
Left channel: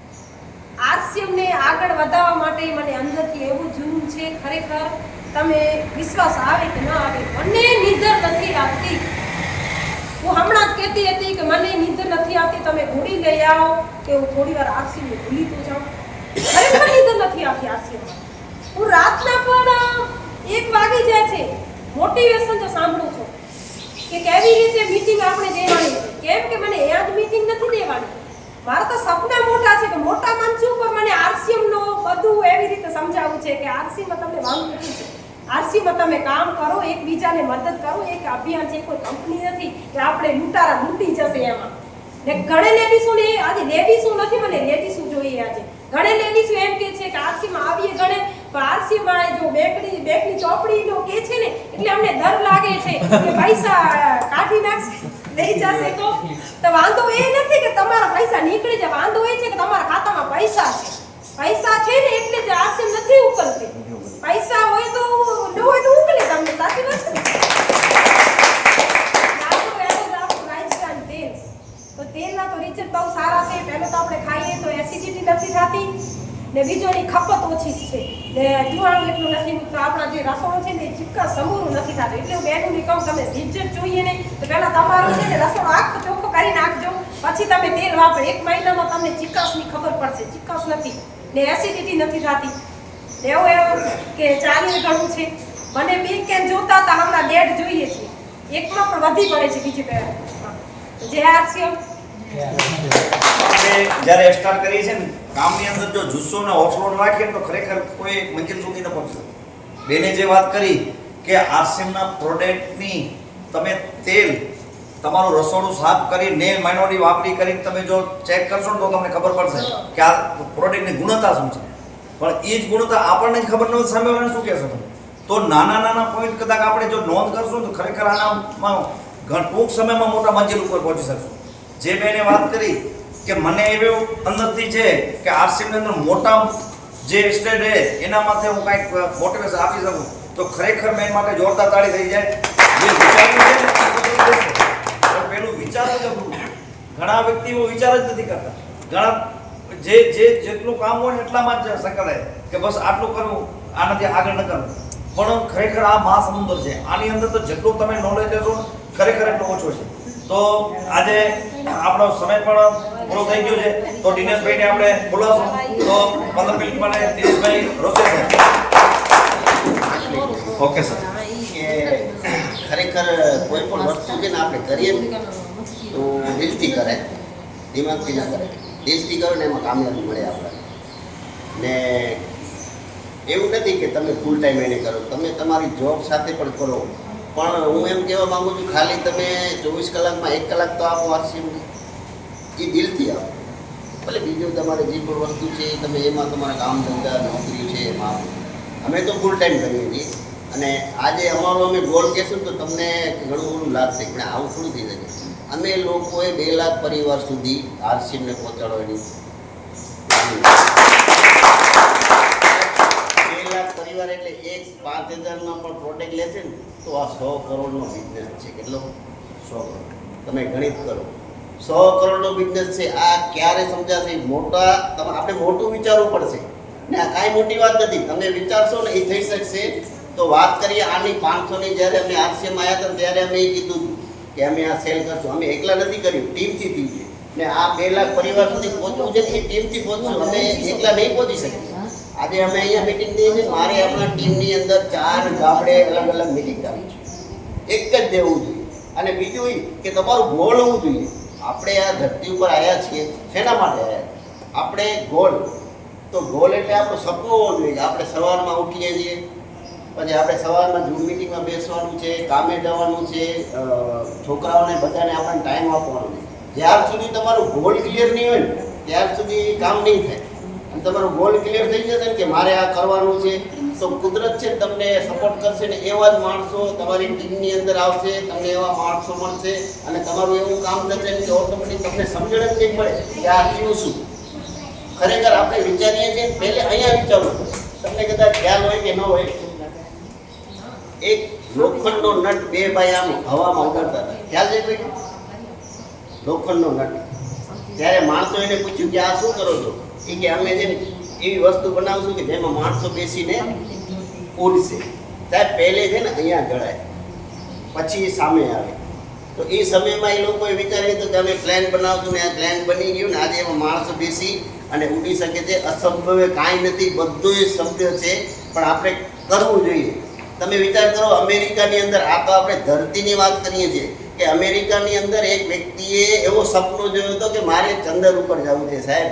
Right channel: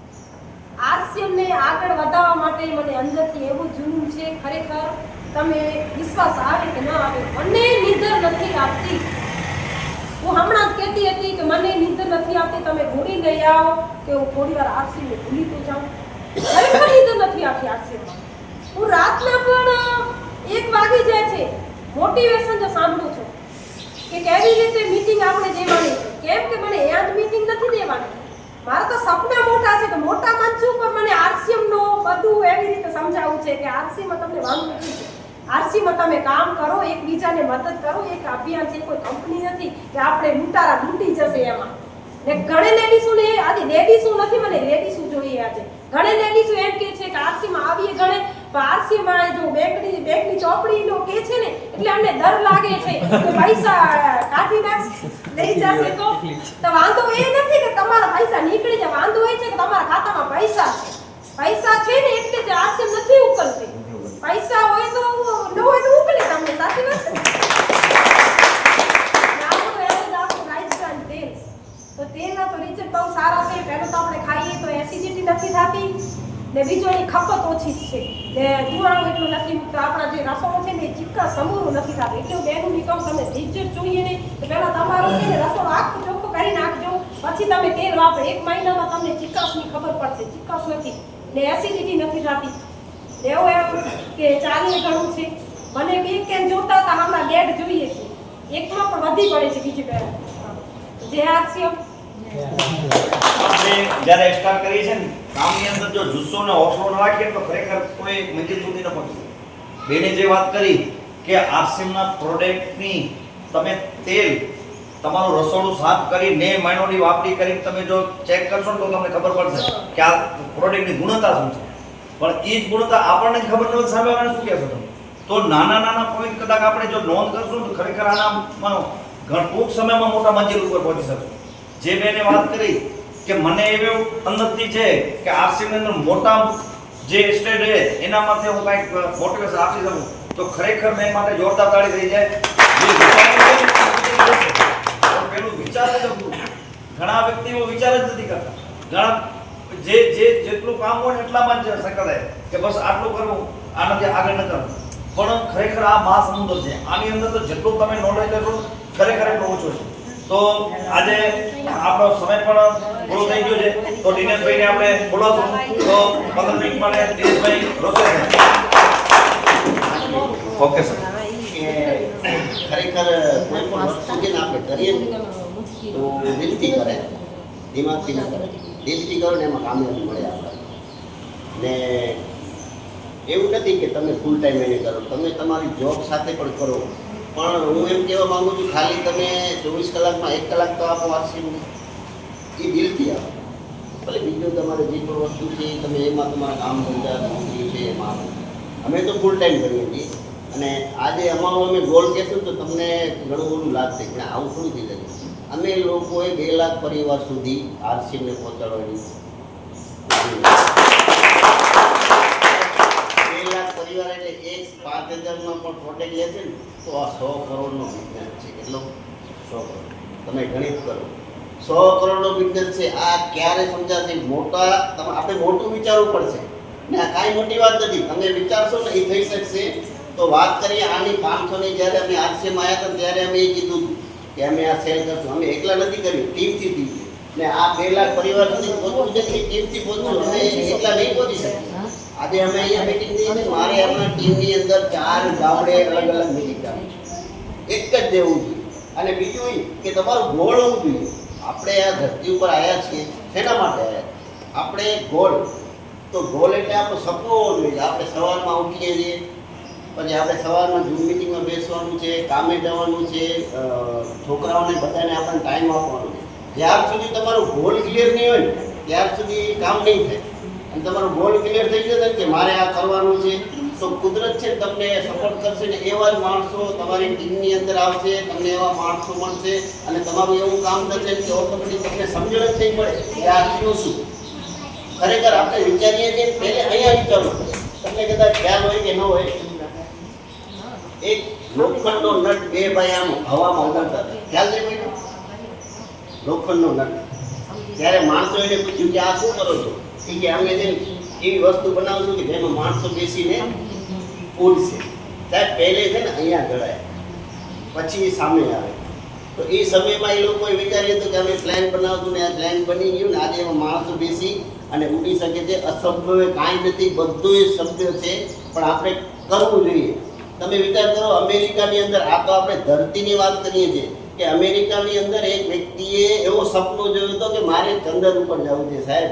આરસીએમને આગળ વધારવા માટે મને અંદરથી એવું જૂનું છે, ખરેખર તમે વિશ્વાસ આવે કે ના આવે, મને નિંદર નથી આવતી. હું હમણાં જ કહેતી હતી કે મને નિંદર નથી આવતી, તમે ગોળી લઈ આવો કે હું થોડી વાર આરસીએમને ભૂલી તો જાઉં. ખરેખર નિંદર નથી આવતી આરસીએમાં. હું રાતના પણ 1 વાગી જાય છે મોટિવેશન જો સાંભળું છું કે કેવી રીતે મીટિંગ આપણે દેવાની છે. કેમ કે મને એ જ મીટિંગ નથી દેવાની, મારા તો સપના મોટા છે કે મોટા મંચ ઉપર મને આરસીએમનો બધું એવી રીતે સમજાવવું છે કે આરસીએમમાં તમને વાંધો નથી છે, આરસીએમમાં તમે કામ કરો, એકબીજાને મદદ કરો. એક અભિયાન છે, કોઈ કંપની નથી કે આપણે લૂંટારા લૂંટી જશે એમાં. ને ઘણે લેડીઝોને આજે લેડીઝો નથી, મને લેડીઝો જોઈએ. આજે ઘણે લેડીઝો એમ કે છે કે આરસીએમમાં આવીએ ઘણે, પણ આરસીએમમાં જો બેંકની ચોપડીનો કે છે ને એટલે અમને ડર લાગે છે કે પૈસા કાઢી નાખશે, લઈ જશે તો વાંધો એ નથી કે તમારા પૈસા નીકળી જાય, વાંધો એ છે કે તમારા ખાતામાં પૈસા છે. પૈસા છે ને એટલે જ આરસીએમ નથી ઉકલતી. પૈસા હોય તો ન હોય તો ઉકલે તમને, સાચી વાત છે. તો તેલના તો રિઝલ્ટ બહુ સારા છે. પહેલું તો આપણે ખાઈએ તો એસિડિટી નથી થતી, ને બીજો એની ખપત ઓછી છે, ને જીવાણુ એટલું નથી મૂકતું. આપણા જે રસોડું છે ને એ ચીક્કા સમૂરું નથી થતું. એટલે હું બહેનોને કહું તમે રિઝલ્ટ જોઈએ ને તો પહેલાં તમારું છે ને રસોડું આખું ચોખ્ખું કરી નાખજો, પછી તમે તેલ વાપરો. 1 મહિનામાં તમને ચીક્કાસની ખબર પડશે, ચીક્કાસ નથી ને એસિડિટી નથી થતી. એવું કે ચાલીએ ઘણું છે. મને 2 કેન જોતા હતા, હમણાં 1.5 જોઈએ છે. એકમાં પણ વધી પડે છે બીજી બે. જે આરસીએમ આપણે જ્યારે સ્ટાર્ટ કરીએ છીએ ને કામની અંદર જો જુસ્સો ને હौसलो રાખીએ તો ખરેખર કોઈ મંજિલ સુધી ન પહોંચી શકે. બેને જે વાત કરી કે આરસીએમના પ્રોડક્ટની તમે તેલ તમારું રસોડું સાફ કરીને માઇનોરી વાપરી કરીને તમે જો ચેક કરશો ને તો તમને ખબર પડશે કે આ પ્રોડક્ટની ગુણવત્તા શું છે. પણ એ જ ગુણવત્તા આપણને જ ખબર ન હોય સામેવાળાને શું કહેશો તમે. તો નાના પોઈન્ટ કદાચ આપણે જો નોંધ કરશું તો ખરેખર આનામાં ટૂંક સમયમાં મોટા મંજિલ ઉપર પહોંચી શકશું. જે બેને વાત કરી કે મને એવું અંદરથી છે કે આરસીએમની અંદર મોટા જે સ્ટેજ છે એના માટે હું કંઈક મોટિવેશન આપી શકું તો ખરેખર બેન માટે જોરદાર તાળી થઈ જાય. જે વિચાર્યું છે પેલું વિચાર જ હતું. ઘણા વ્યક્તિઓ વિચાર જ નથી કરતા. ઘણા જેટલું કામ હોય ને એટલામાં જ સંકળાય કે બસ આટલું કરવું, આનાથી આગળ ન કરવું. પણ ખરેખર આ મહાસમુદ્ર છે. આની અંદર તો જેટલું તમે નોલેજ લેશો ખરેખર એટલો ઓછો છે. તો આજે આપણો સમય પણ પૂરો થઈ ગયો છે. તો દિનેશભાઈને આપણે બોલાવશું. તો 15 મિનિટ માટે દિનેશભાઈ રોશે. Okay sir. કે ખરેખર કોઈ પણ વસ્તુ છે ને આપણે કરીએ તો દિલથી કરે, દિમાગથી ના કરે. દિલથી કરો ને એમાં કામયાબી મળે આપણને. ને એવું નથી કે તમે ફૂલ ટાઈમ એને કરો, તમે તમારી જોબ સાથે પણ કરો. પણ હું એમ કહેવા માંગુ છું ખાલી તમે 24 કલાકમાં 1 કલાક તો આપો આરસીએમને, એ દિલથી આપો. ભલે બીજું તમારે જે પણ વસ્તુ છે એ તમે એમાં તમારા કામ ધંધા નોકરી છે એમાં આપો. અમે તો ફૂલ ટાઈમ કરીએ છીએ. અને આજે અમારો અમે ગોલ કહેશું તો તમને ઘણું બધું લાગશે પણ આવું થોડું થઈ શકે. અમે લોકોએ 2 લાખ પરિવાર સુધી આરસીએમને પહોંચાડવાની 2 લાખ પરિવાર એટલે એક 5,000નો પણ પ્રોડક્ટ લેશે ને તો આ 100 કરોડનો બિઝનેસ છે. કેટલો? 100 કરોડ. તમે ગણિત કરો, 100 કરોડનો બિઝનેસ છે. આ ક્યારે સમજાશે? મોટા આપણે મોટું વિચારવું પડશે ને આ કાંઈ મોટી વાત નથી. તમે વિચારશો ને એ થઈ શકશે. તો વાત કરીએ આની 500ની જ્યારે અમે આરસીએમ આવ્યા હતા ત્યારે અમે એ કીધું કે અમે આ સેલ કરશું. અમે એકલા નથી કર્યું, ટીમથી થયું. ને આ 2 લાખ પરિવાર સુધી પહોંચવું છે ને એ ટીમથી પહોંચશું. અમે એકલા નહીં પહોંચી શકીએ. આજે અમે અહીંયા મિટિંગ થઈ છે. મારે આપણા ટીમની અંદર 4 ગામડે અલગ અલગ મિટિંગ રાખી છે. એક જ દેવું જોઈએ. અને બીજું એ કે તમારું ગોળ હોવું જોઈએ. આપણે આ ધરતી ઉપર આવ્યા છીએ શેના માટે આવ્યા? આપણે ગોળ, તો ગોળ એટલે આપણું સપનું હોવું જોઈએ. આપણે સવારમાં ઉઠીએ છીએ, પછી આપણે સવારમાં ઝૂમ મિટિંગમાં બેસવાનું છે, કામે જવાનું છે, છોકરાઓને બધાને આપણને ટાઈમ આપવાનો છે. જ્યાર સુધી તમારું ગોલ ક્લિયર નહીં હોય ને ત્યાર સુધી કામ નહીં થાય. અને તમારો ગોલ ક્લિયર થઈ જશે ને કે મારે આ કરવાનું છે, તો તો કુદરત છે ને તમને સપોર્ટ કરશે ને એવા જ માણસો તમારી ટીમની અંદર આવશે, તમને એવા માણસો મળશે અને તમારું એવું કામ થશે કે ઓટોમેટિક તમને સમજણ જ નહીં પડે કે આ થયું શું. ખરેખર આપણે વિચારીએ છીએ પહેલે અહીંયા વિચારવું. તમને કદાચ ખ્યાલ હોય કે ન હોય, એક લોખંડનો નટ બે ભાઈ આમ હવામાં ઉડાડતા હતા. ખ્યાલ છે કોઈ? લોખંડનો નટ. ત્યારે માણસો એને પૂછ્યું કે આ શું કરો છો? એ કે અમે છે ને એવી વસ્તુ બનાવશું કે જેમાં માણસો બેસીને ઉડશે. સાહેબ પહેલે છે ને અહીંયા જડાય, પછી સામે આવે. તો એ સમયમાં એ લોકોએ વિચાર્યું હતું કે અમે પ્લાન બનાવશું ને આ પ્લાન બની ગયું ને આજે એમાં માણસો બેસી અને ઉડી શકે છે. અસંભવ કાંઈ નથી, બધું સભ્ય છે, પણ આપણે કરવું જોઈએ. તમે વિચાર કરો, અમેરિકાની અંદર, આ તો આપણે ધરતીની વાત કરીએ છીએ, કે અમેરિકાની અંદર એક વ્યક્તિએ એવો સપનું જોયું હતો કે મારે ચંદ્ર ઉપર જવું છે. સાહેબ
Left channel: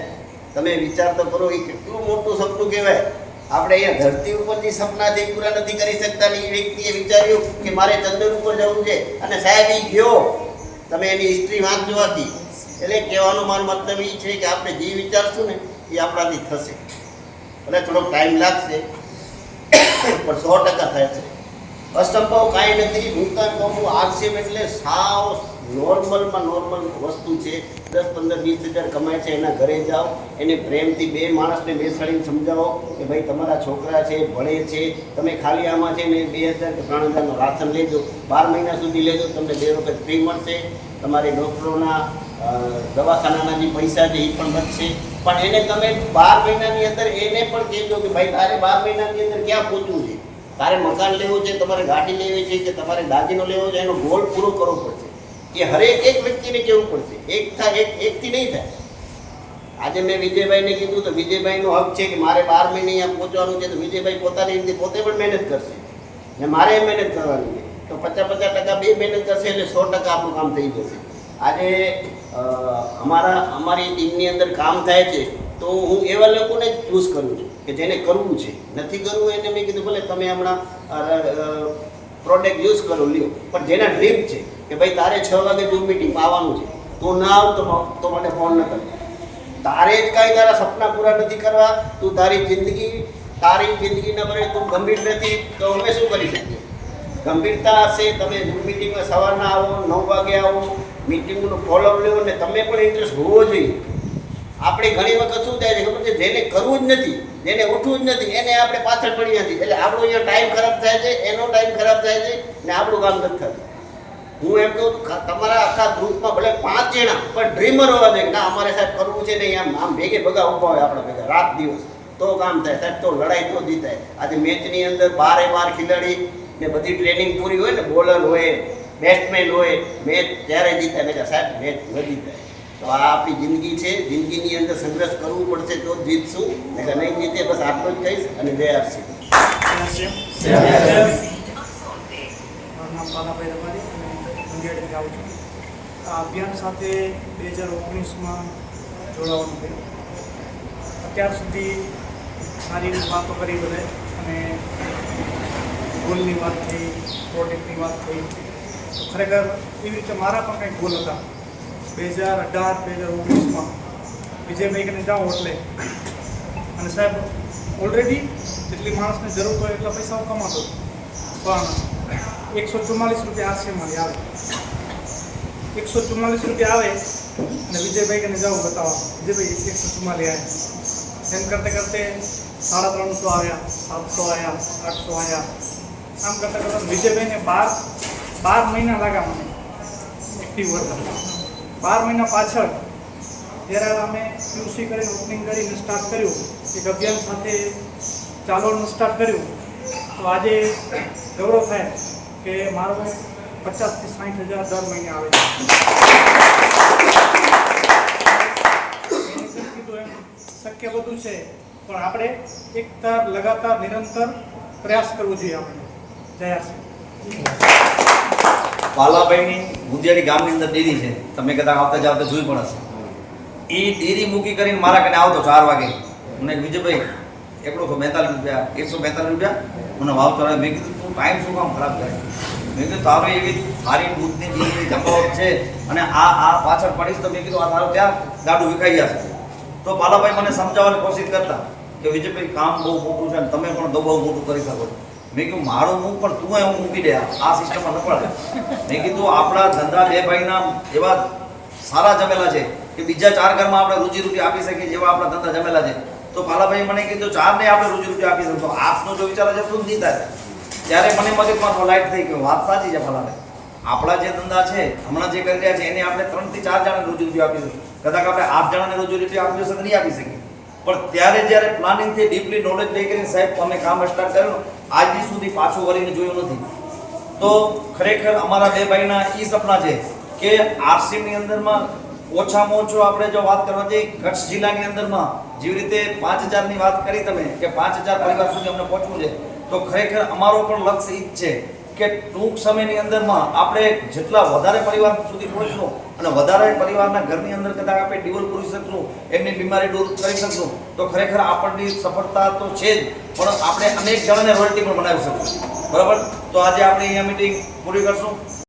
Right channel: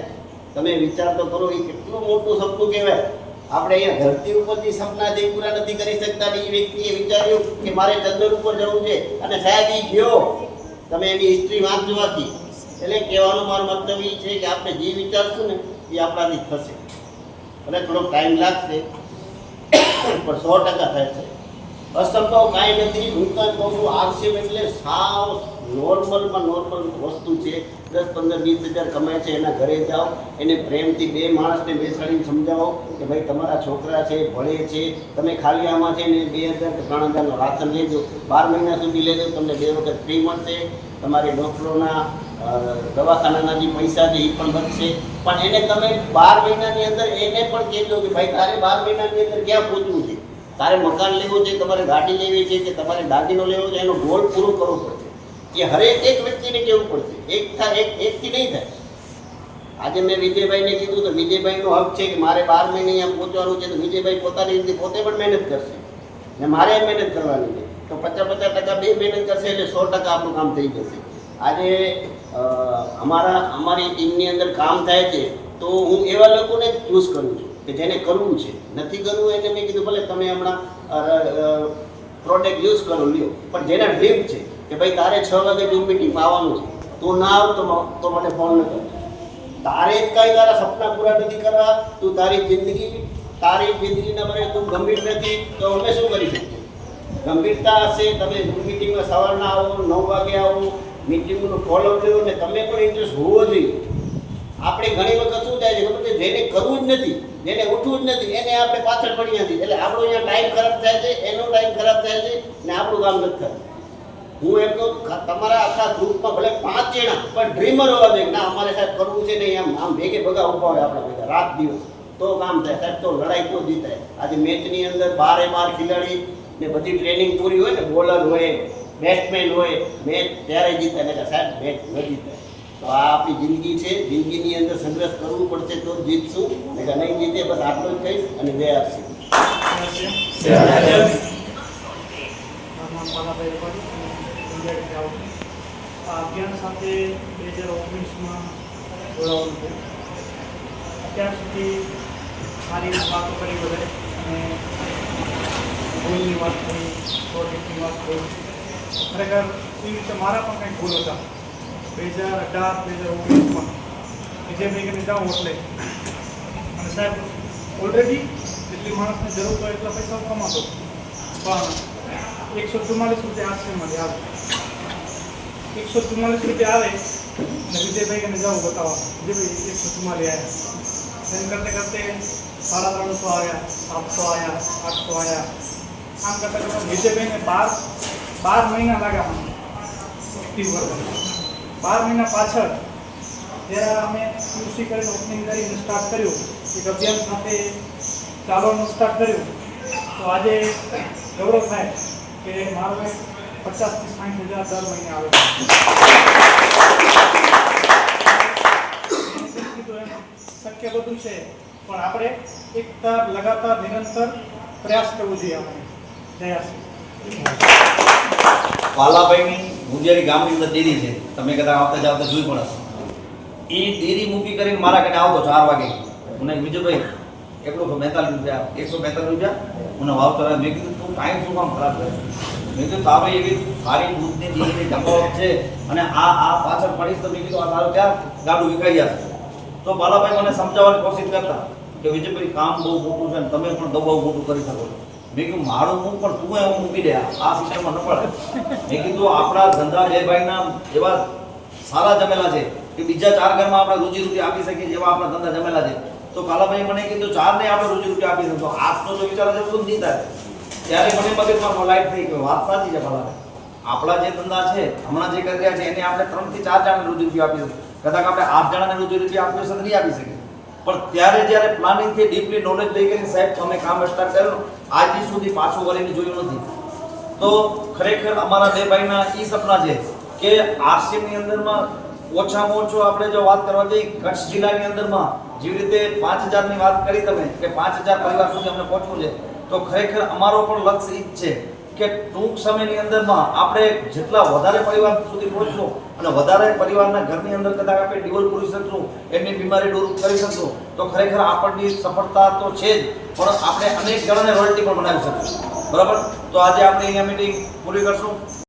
તમે વિચાર તો કરો, એ કેટલું મોટું સપનું કહેવાય. આપણે અહીંયા ધરતી ઉપર જે સપના છે એ પૂરા નથી કરી શકતા, એ વ્યક્તિએ વિચાર્યું કે મારે ચંદ્ર ઉપર જવું છે અને સાહેબ એ ગયો. તમે એની હિસ્ટ્રી વાંચજો આખી. એટલે કહેવાનો મારો મતલબ એ છે કે આપણે જે વિચારશું ને એ આપણાથી થશે. ભલે થોડોક ટાઈમ લાગશે પણ 100% થશે. અસંભવ કાંઈ નથી. હું કાંઈ કહું છું, આરસીએમ એટલે સાવ નોર્મલમાં નોર્મલ વસ્તુ છે. 10, 15, 20 હજાર કમાય છે, એના ઘરે જાઓ, એને પ્રેમથી બે માણસને બેસાડીને સમજાવો કે ભાઈ તમારા છોકરા છે, ભણે છે, તમે ખાલી આમાં છે ને 2000 કે 3000નું રાશન લેજો, 12 મહિના સુધી લેજો, તમને 2 વખત ફ્રી મળશે. તમારી ડૉક્ટરોના દવાખાનાના જે પૈસા છે એ પણ બચશે. પણ એને તમે 12 મહિનાની અંદર એને પણ કહેજો કે ભાઈ તારે 12 મહિનાની અંદર ક્યાં પહોંચવું છે, તારે મકાન લેવું છે, તમારે ગાડી લેવી છે કે તમારે દાગીનો લેવો છે, એનો ગોલ પૂરો કરવો પડશે. એ હરેક એક વ્યક્તિને કહેવું પડશે. એકથી નહીં થાય. આજે મેં વિજયભાઈને કીધું તો વિજયભાઈનો હક છે કે મારે 12 મહિને અહીંયા પહોંચવાનું છે, તો વિજયભાઈ પોતાની રીતે પોતે પણ મહેનત કરશે ને મારે મહેનત કરવાની છે. તો 50% બે મહેનત કરશે એટલે 100% આપણું કામ થઈ જશે. આજે અમારી ટીમની અંદર કામ થાય છે તો હું એવા લોકોને જ ચૂઝ કરું છું કે જેને કરવું છે. નથી કરવું એને મેં કીધું ભલે તમે હમણાં પ્રોડક્ટ યુઝ કરો, લ્યો, પણ જેના ડ્રીમ છે કે ભાઈ તારે 6 વાગે ઝૂમ મીટિંગમાં આવવાનું છે, તું ના આવ તો મને ફોન ન કર. તારે જ કાંઈ તારા સપના પૂરા નથી કરવા, તું તારી જિંદગીના ભરે તું ગંભીર નથી, તો અમે શું કરી શકીએ? ગંભીરતા હશે. તમે ઝૂમ મીટિંગમાં સવારના આવો, 9 વાગે આવો, મીટિંગનું ફોલો લેવો ને તમે પણ ઇન્ટરેસ્ટ હોવો જોઈએ. આપણે ઘણી વખત શું થાય છે ખબર છે, જેને કરવું જ નથી, જેને ઉઠવું જ નથી, એને આપણે પાછળ પડી નથી. એટલે આપણો અહીંયા ટાઈમ ખરાબ થાય છે, એનો ટાઈમ ખરાબ થાય છે ને આપણું કામ નથી થતું. હું એમ કહું તમારા આખા ગ્રુપમાં ભલે 5 જણા પણ ડ્રીમર હોવા જોઈએ. ના અમારે સાહેબ કરવું છે નહીં, આમ ભેગે ભેગા ઊભા હોય આપણા ભેગા રાત દિવસ, તો કામ થાય સાહેબ. તો લડાઈ તો જીતાય. આજે મેચની અંદર 12 ખેલાડી ને બધી ટ્રેનિંગ પૂરી હોય ને, બોલર હોય, બેટ્સમેન હોય, મેચ ત્યારે જીતાય ને સાહેબ મેચ ન જીતાય. તો આ આપણી જિંદગી છે. જિંદગીની અંદર સંઘર્ષ કરવું પડશે તો જ જીતશું, ને કે નહીં જીતે. બસ આટલું જ કહીશ અને જય આરસી. આ અભિયાન સાથે 2019માં જોડાવાનું થયું. અત્યાર સુધી સારી વાતો કરી બધે અને ગોલની વાત થઈ, પ્રોજેક્ટની વાત થઈ. ખરેખર એવી રીતે મારા પણ કંઈક ગોલ હતા. 2018-2019માં વિજયભાઈને જાઉં એટલે, અને સાહેબ ઓલરેડી જેટલી માણસને જરૂર હોય એટલા પૈસા હું કમાતો, પણ 144 રૂપિયા આરસીએમમાં આવે. 144 રૂપિયા આવે ને વિજયભાઈને જાઉં બતાવવા, વિજયભાઈ 144 આવ્યા. એમ કરતે 350 આવ્યા, 700 આવ્યા, 800 આવ્યા. આમ કરતાં વિજયભાઈને 12 મહિના લાગ્યા મને એક્ટિવ કરવા. 12 મહિના પાછળ જ્યારે અમે QC કરીને ઓપનિંગ કરીને સ્ટાર્ટ કર્યું, એક અભિયાન સાથે ચાલવાનું સ્ટાર્ટ કર્યું, તો આજે ગૌરવ થાય કે મારો 50,000 થી 60,000 દર મહિને આવે છે. શક્ય બધું છે, પણ આપણે એક લગાતાર નિરંતર પ્રયાસ કરવો જોઈએ. આપણે જય આરસી. પાલાભાઈની ગુંજેરી ગામની અંદર ડેરી છે, તમે કદાચ આવતા જાવતા જોઈ પણ હશે. એ ડેરી મૂકી કરીને મારા કને આવતો 4 વાગે. મને વિજયભાઈ 145 રૂપિયા, 145 રૂપિયા મને વાવ ચડાવે. મેં કીધું તું ટાઈમ શું કામ ખરાબ કરે? મેં કીધું તારું એવી સારી દૂધની ડેરી જમાવટ છે અને આ પાછળ પડીશ તો મેં કીધું આ તારું ત્યાં ગાડું વિકાઈ જશે. તો પાલાભાઈ મને સમજાવવાની કોશિશ કરતા કે વિજયભાઈ કામ બહુ મોટું છે અને તમે પણ બહુ મોટું કરી શકો છો. મેં કીધું મારું મૂક પણ તું એવું મૂકી દે, આ સિસ્ટમમાં ન પડે. મેં કીધું આપણા ધંધા બે ભાઈના એવા સારા જમેલા છે કે બીજા 4 ઘરમાં આપણે રોજીરોટી આપી શકીએ જેવા આપણા ધંધા જમેલા છે. તો પાલાભાઈ મને કીધું 4 ને આપણે રોજીરોટી આપી શકીએ. તો આપનો જો વિચાર છે બધું નહીં થાય. ત્યારે મને મગજમાં લાઈટ થઈ ગયો, વાત સાચી છે પાલાભાઈ. આપણા જે ધંધા છે હમણાં જે કરી રહ્યા છે એને આપણે 3 થી 4 જણાને રોજીરોટી આપી શકીએ. કદાચ આપણે 8 જણાને રોજીરોટી આપી હશે તો નહીં આપી શકીએ. પણ ત્યારે જ્યારે પ્લાનિંગથી ડીપલી નોલેજ લઈ કરીને સાહેબ અમે કામ સ્ટાર્ટ કર્યું, આજ સુધી પાછું વળીને જોયું નથી. તો ખરેખર અમારા બે ભાઈના એ સપના છે કે આરસીએમની અંદરમાં ઓછામાં ઓછો આપણે જો વાત કરવા જઈએ કચ્છ જિલ્લાની અંદરમાં જેવી રીતે 5000ની વાત કરી તમે કે 5000 પરિવાર સુધી અમને પહોંચવું છે, તો ખરેખર અમારો પણ લક્ષ્ય એ જ છે કે ટૂંક સમયની અંદરમાં આપણે જેટલા વધારે પરિવાર સુધી પહોંચશું અને વધારે પરિવારના ઘરની અંદર કદાચ આપણે ડિવોલ્વ કરી શકશું, એમની બીમારી દૂર કરી શકશું, તો ખરેખર આપણની સફળતા તો છે જ, પણ આપણે અનેક જણાને રોયલ્ટી પણ બનાવી શકશું. બરાબર, તો આજે આપણે અહીંયા મીટિંગ પૂરી કરશું.